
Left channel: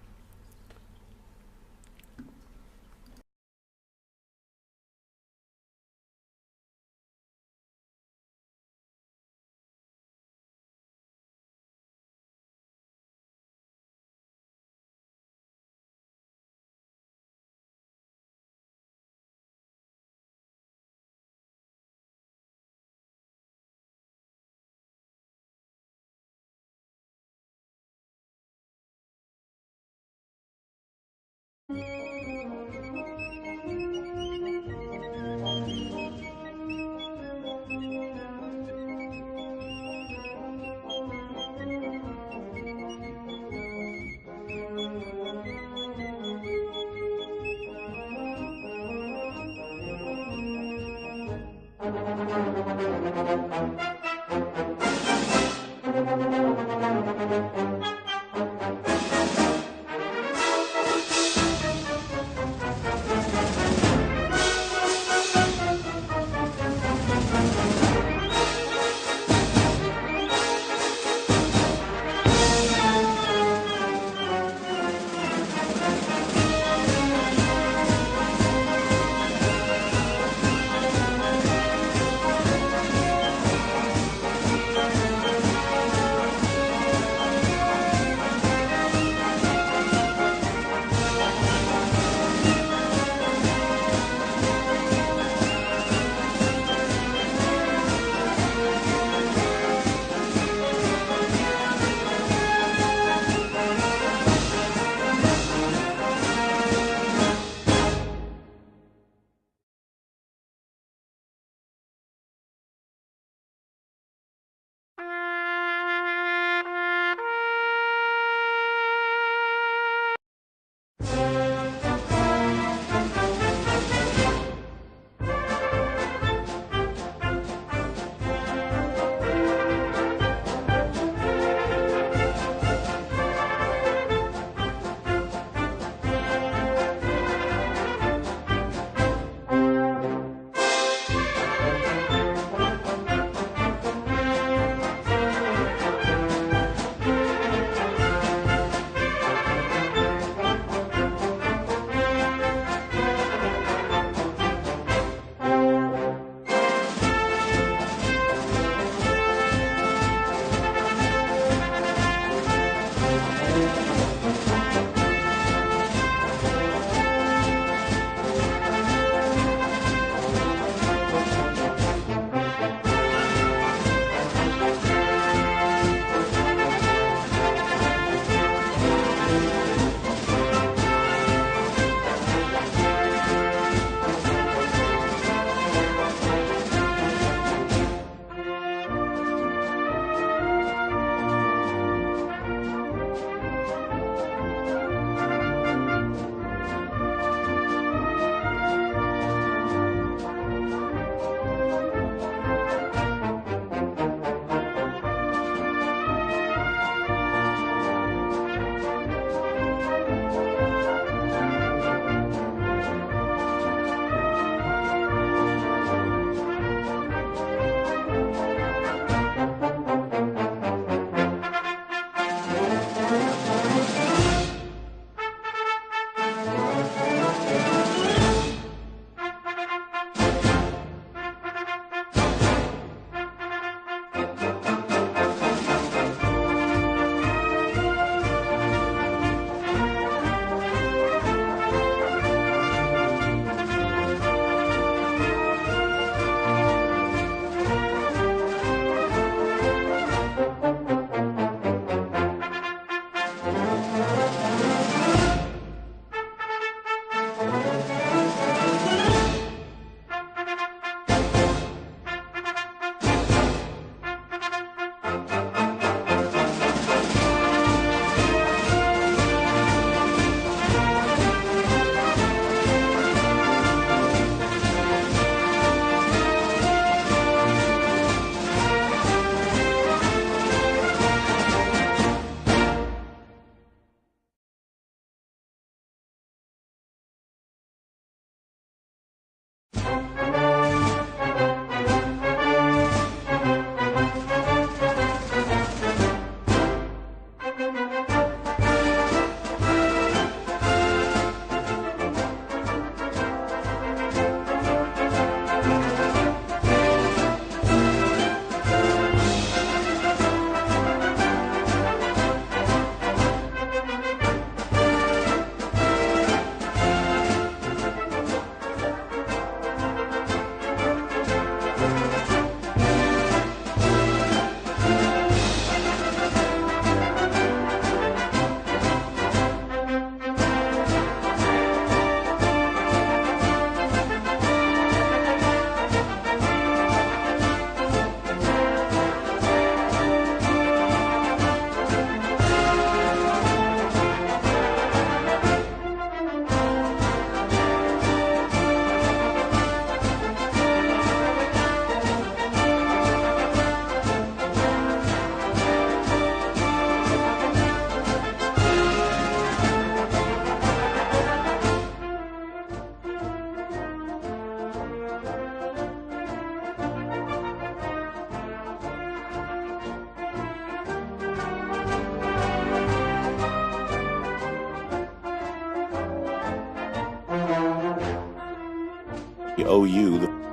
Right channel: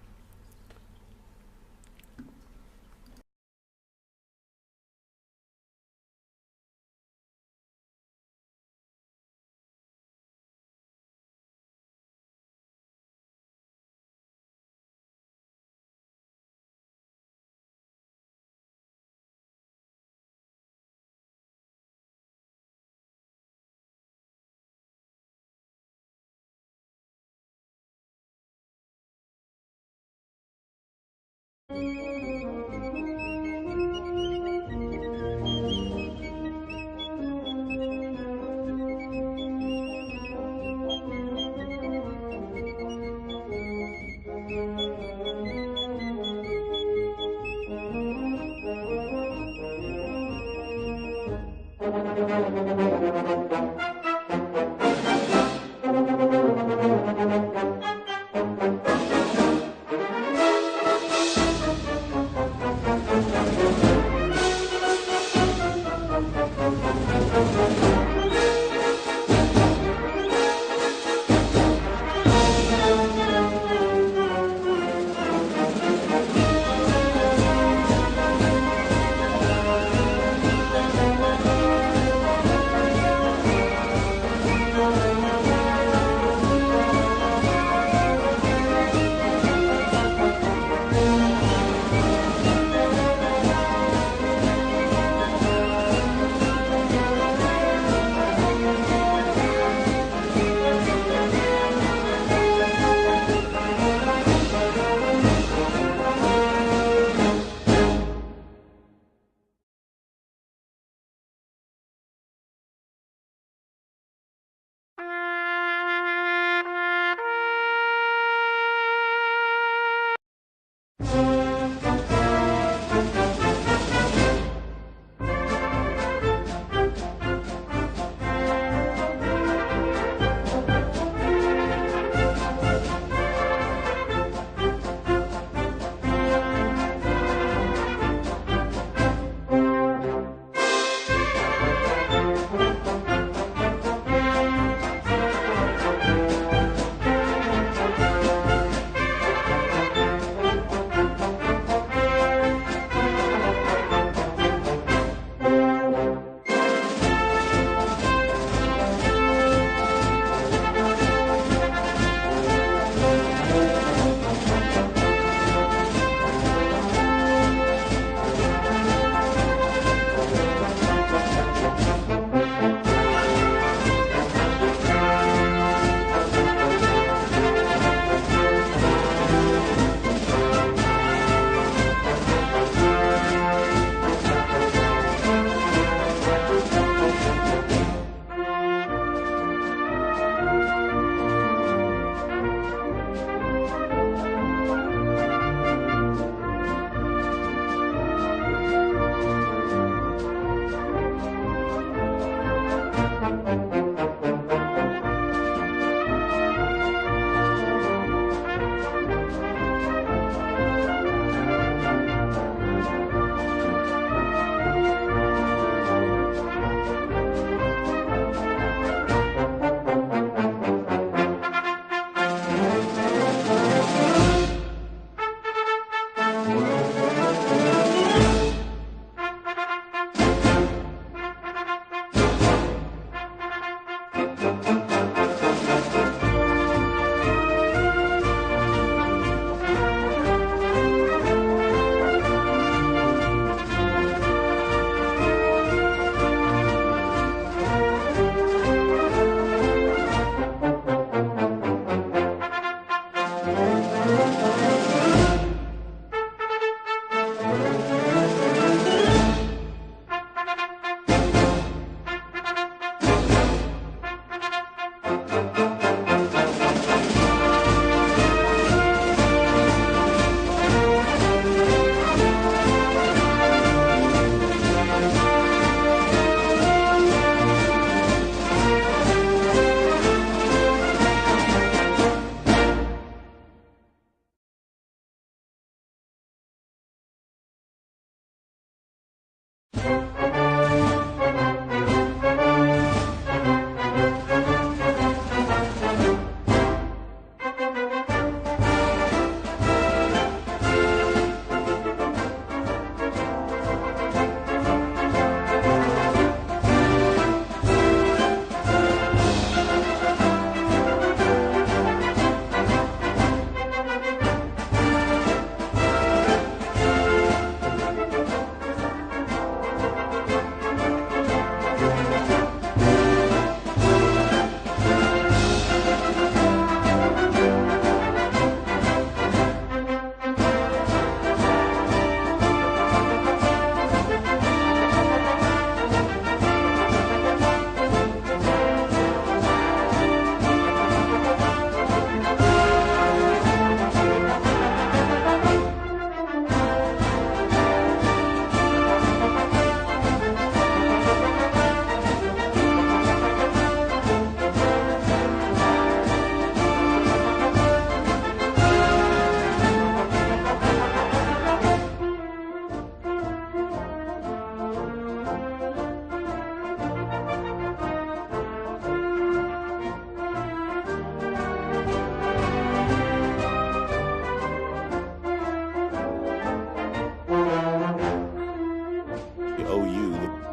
OU.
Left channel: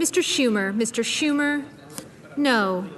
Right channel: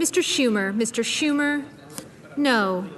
Mr. Schumer, no.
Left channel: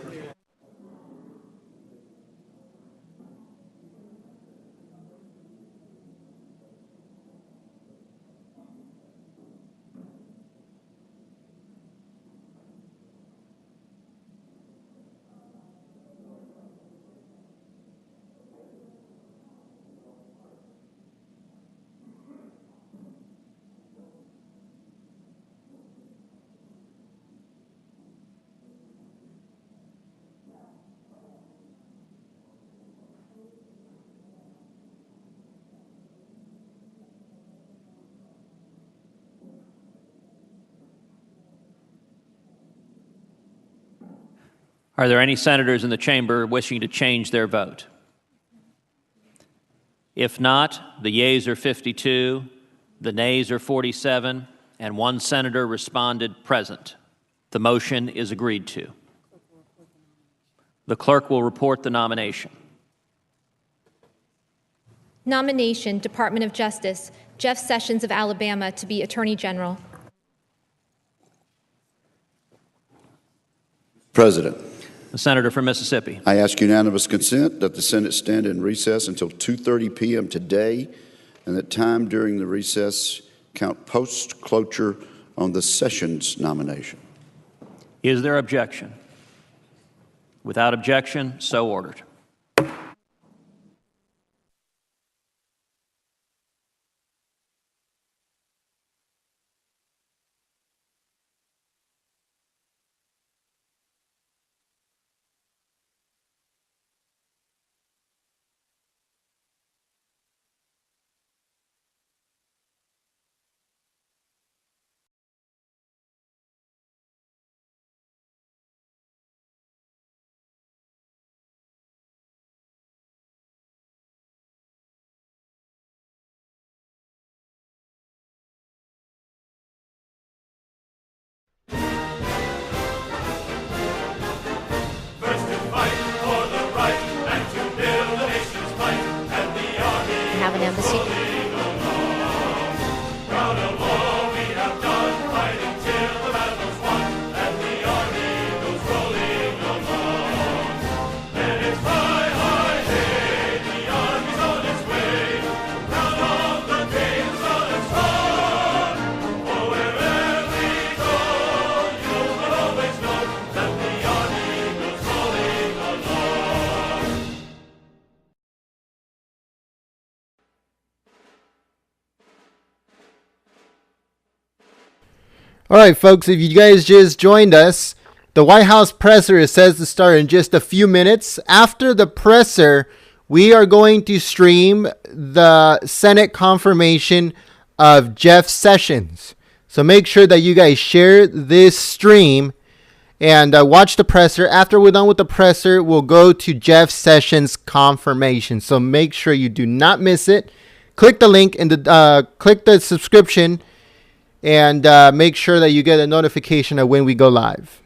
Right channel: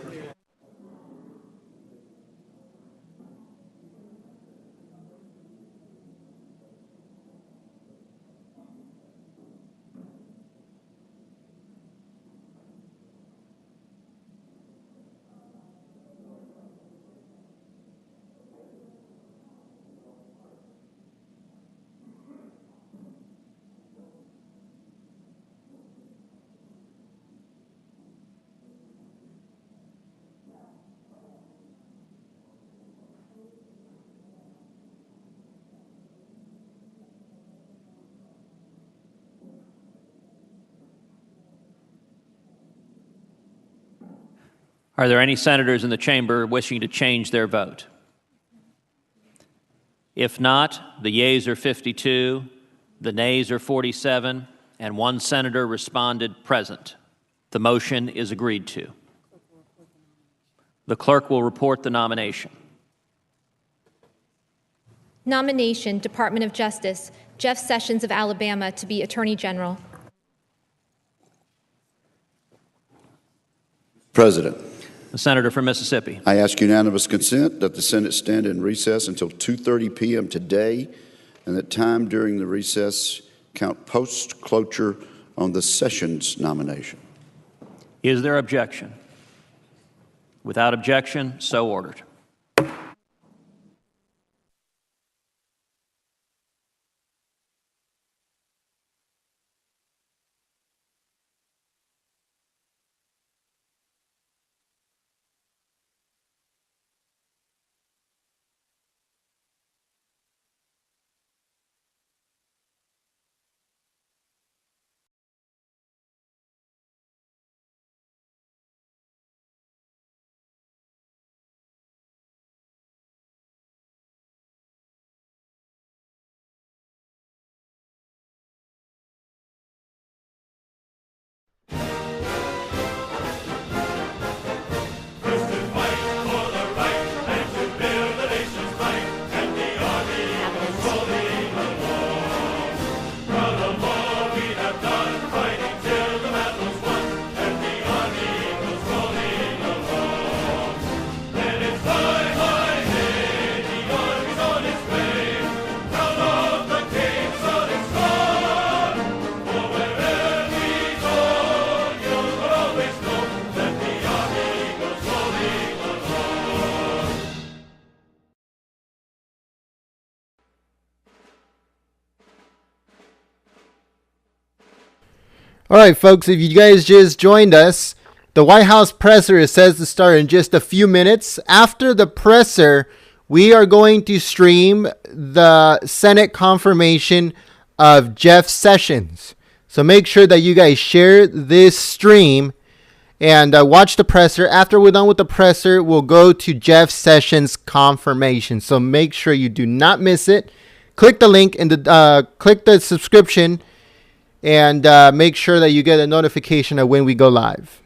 Are there any senators in the chamber wishing to change their vote? If not, the yeas are 52, the nays are 47, and one senator responded present. The motion is agreed to. The clerk will report the nomination. Nomination, Department of Justice, Jeff Sessions of Alabama to be Attorney General. President. The senator from Mississippi. I ask unanimous consent that the Senate stand in recess until 2:30 p.m. today, and that time during the recess count post-cloture on the Sessions nomination. Is there objection? Without objection, so ordered. All right, folks, if you guys just joined us, the White House presser is set to start in just a few minutes. After the presser, we are going to stream the Senate confirmation of Jeff Sessions. So make sure that you guys share this stream and watch the presser. After we're done with the presser, we'll go to Jeff Sessions confirmation. So make sure you do not miss it. Click the link and click the subscription, and make sure that you get a notification of when we go live.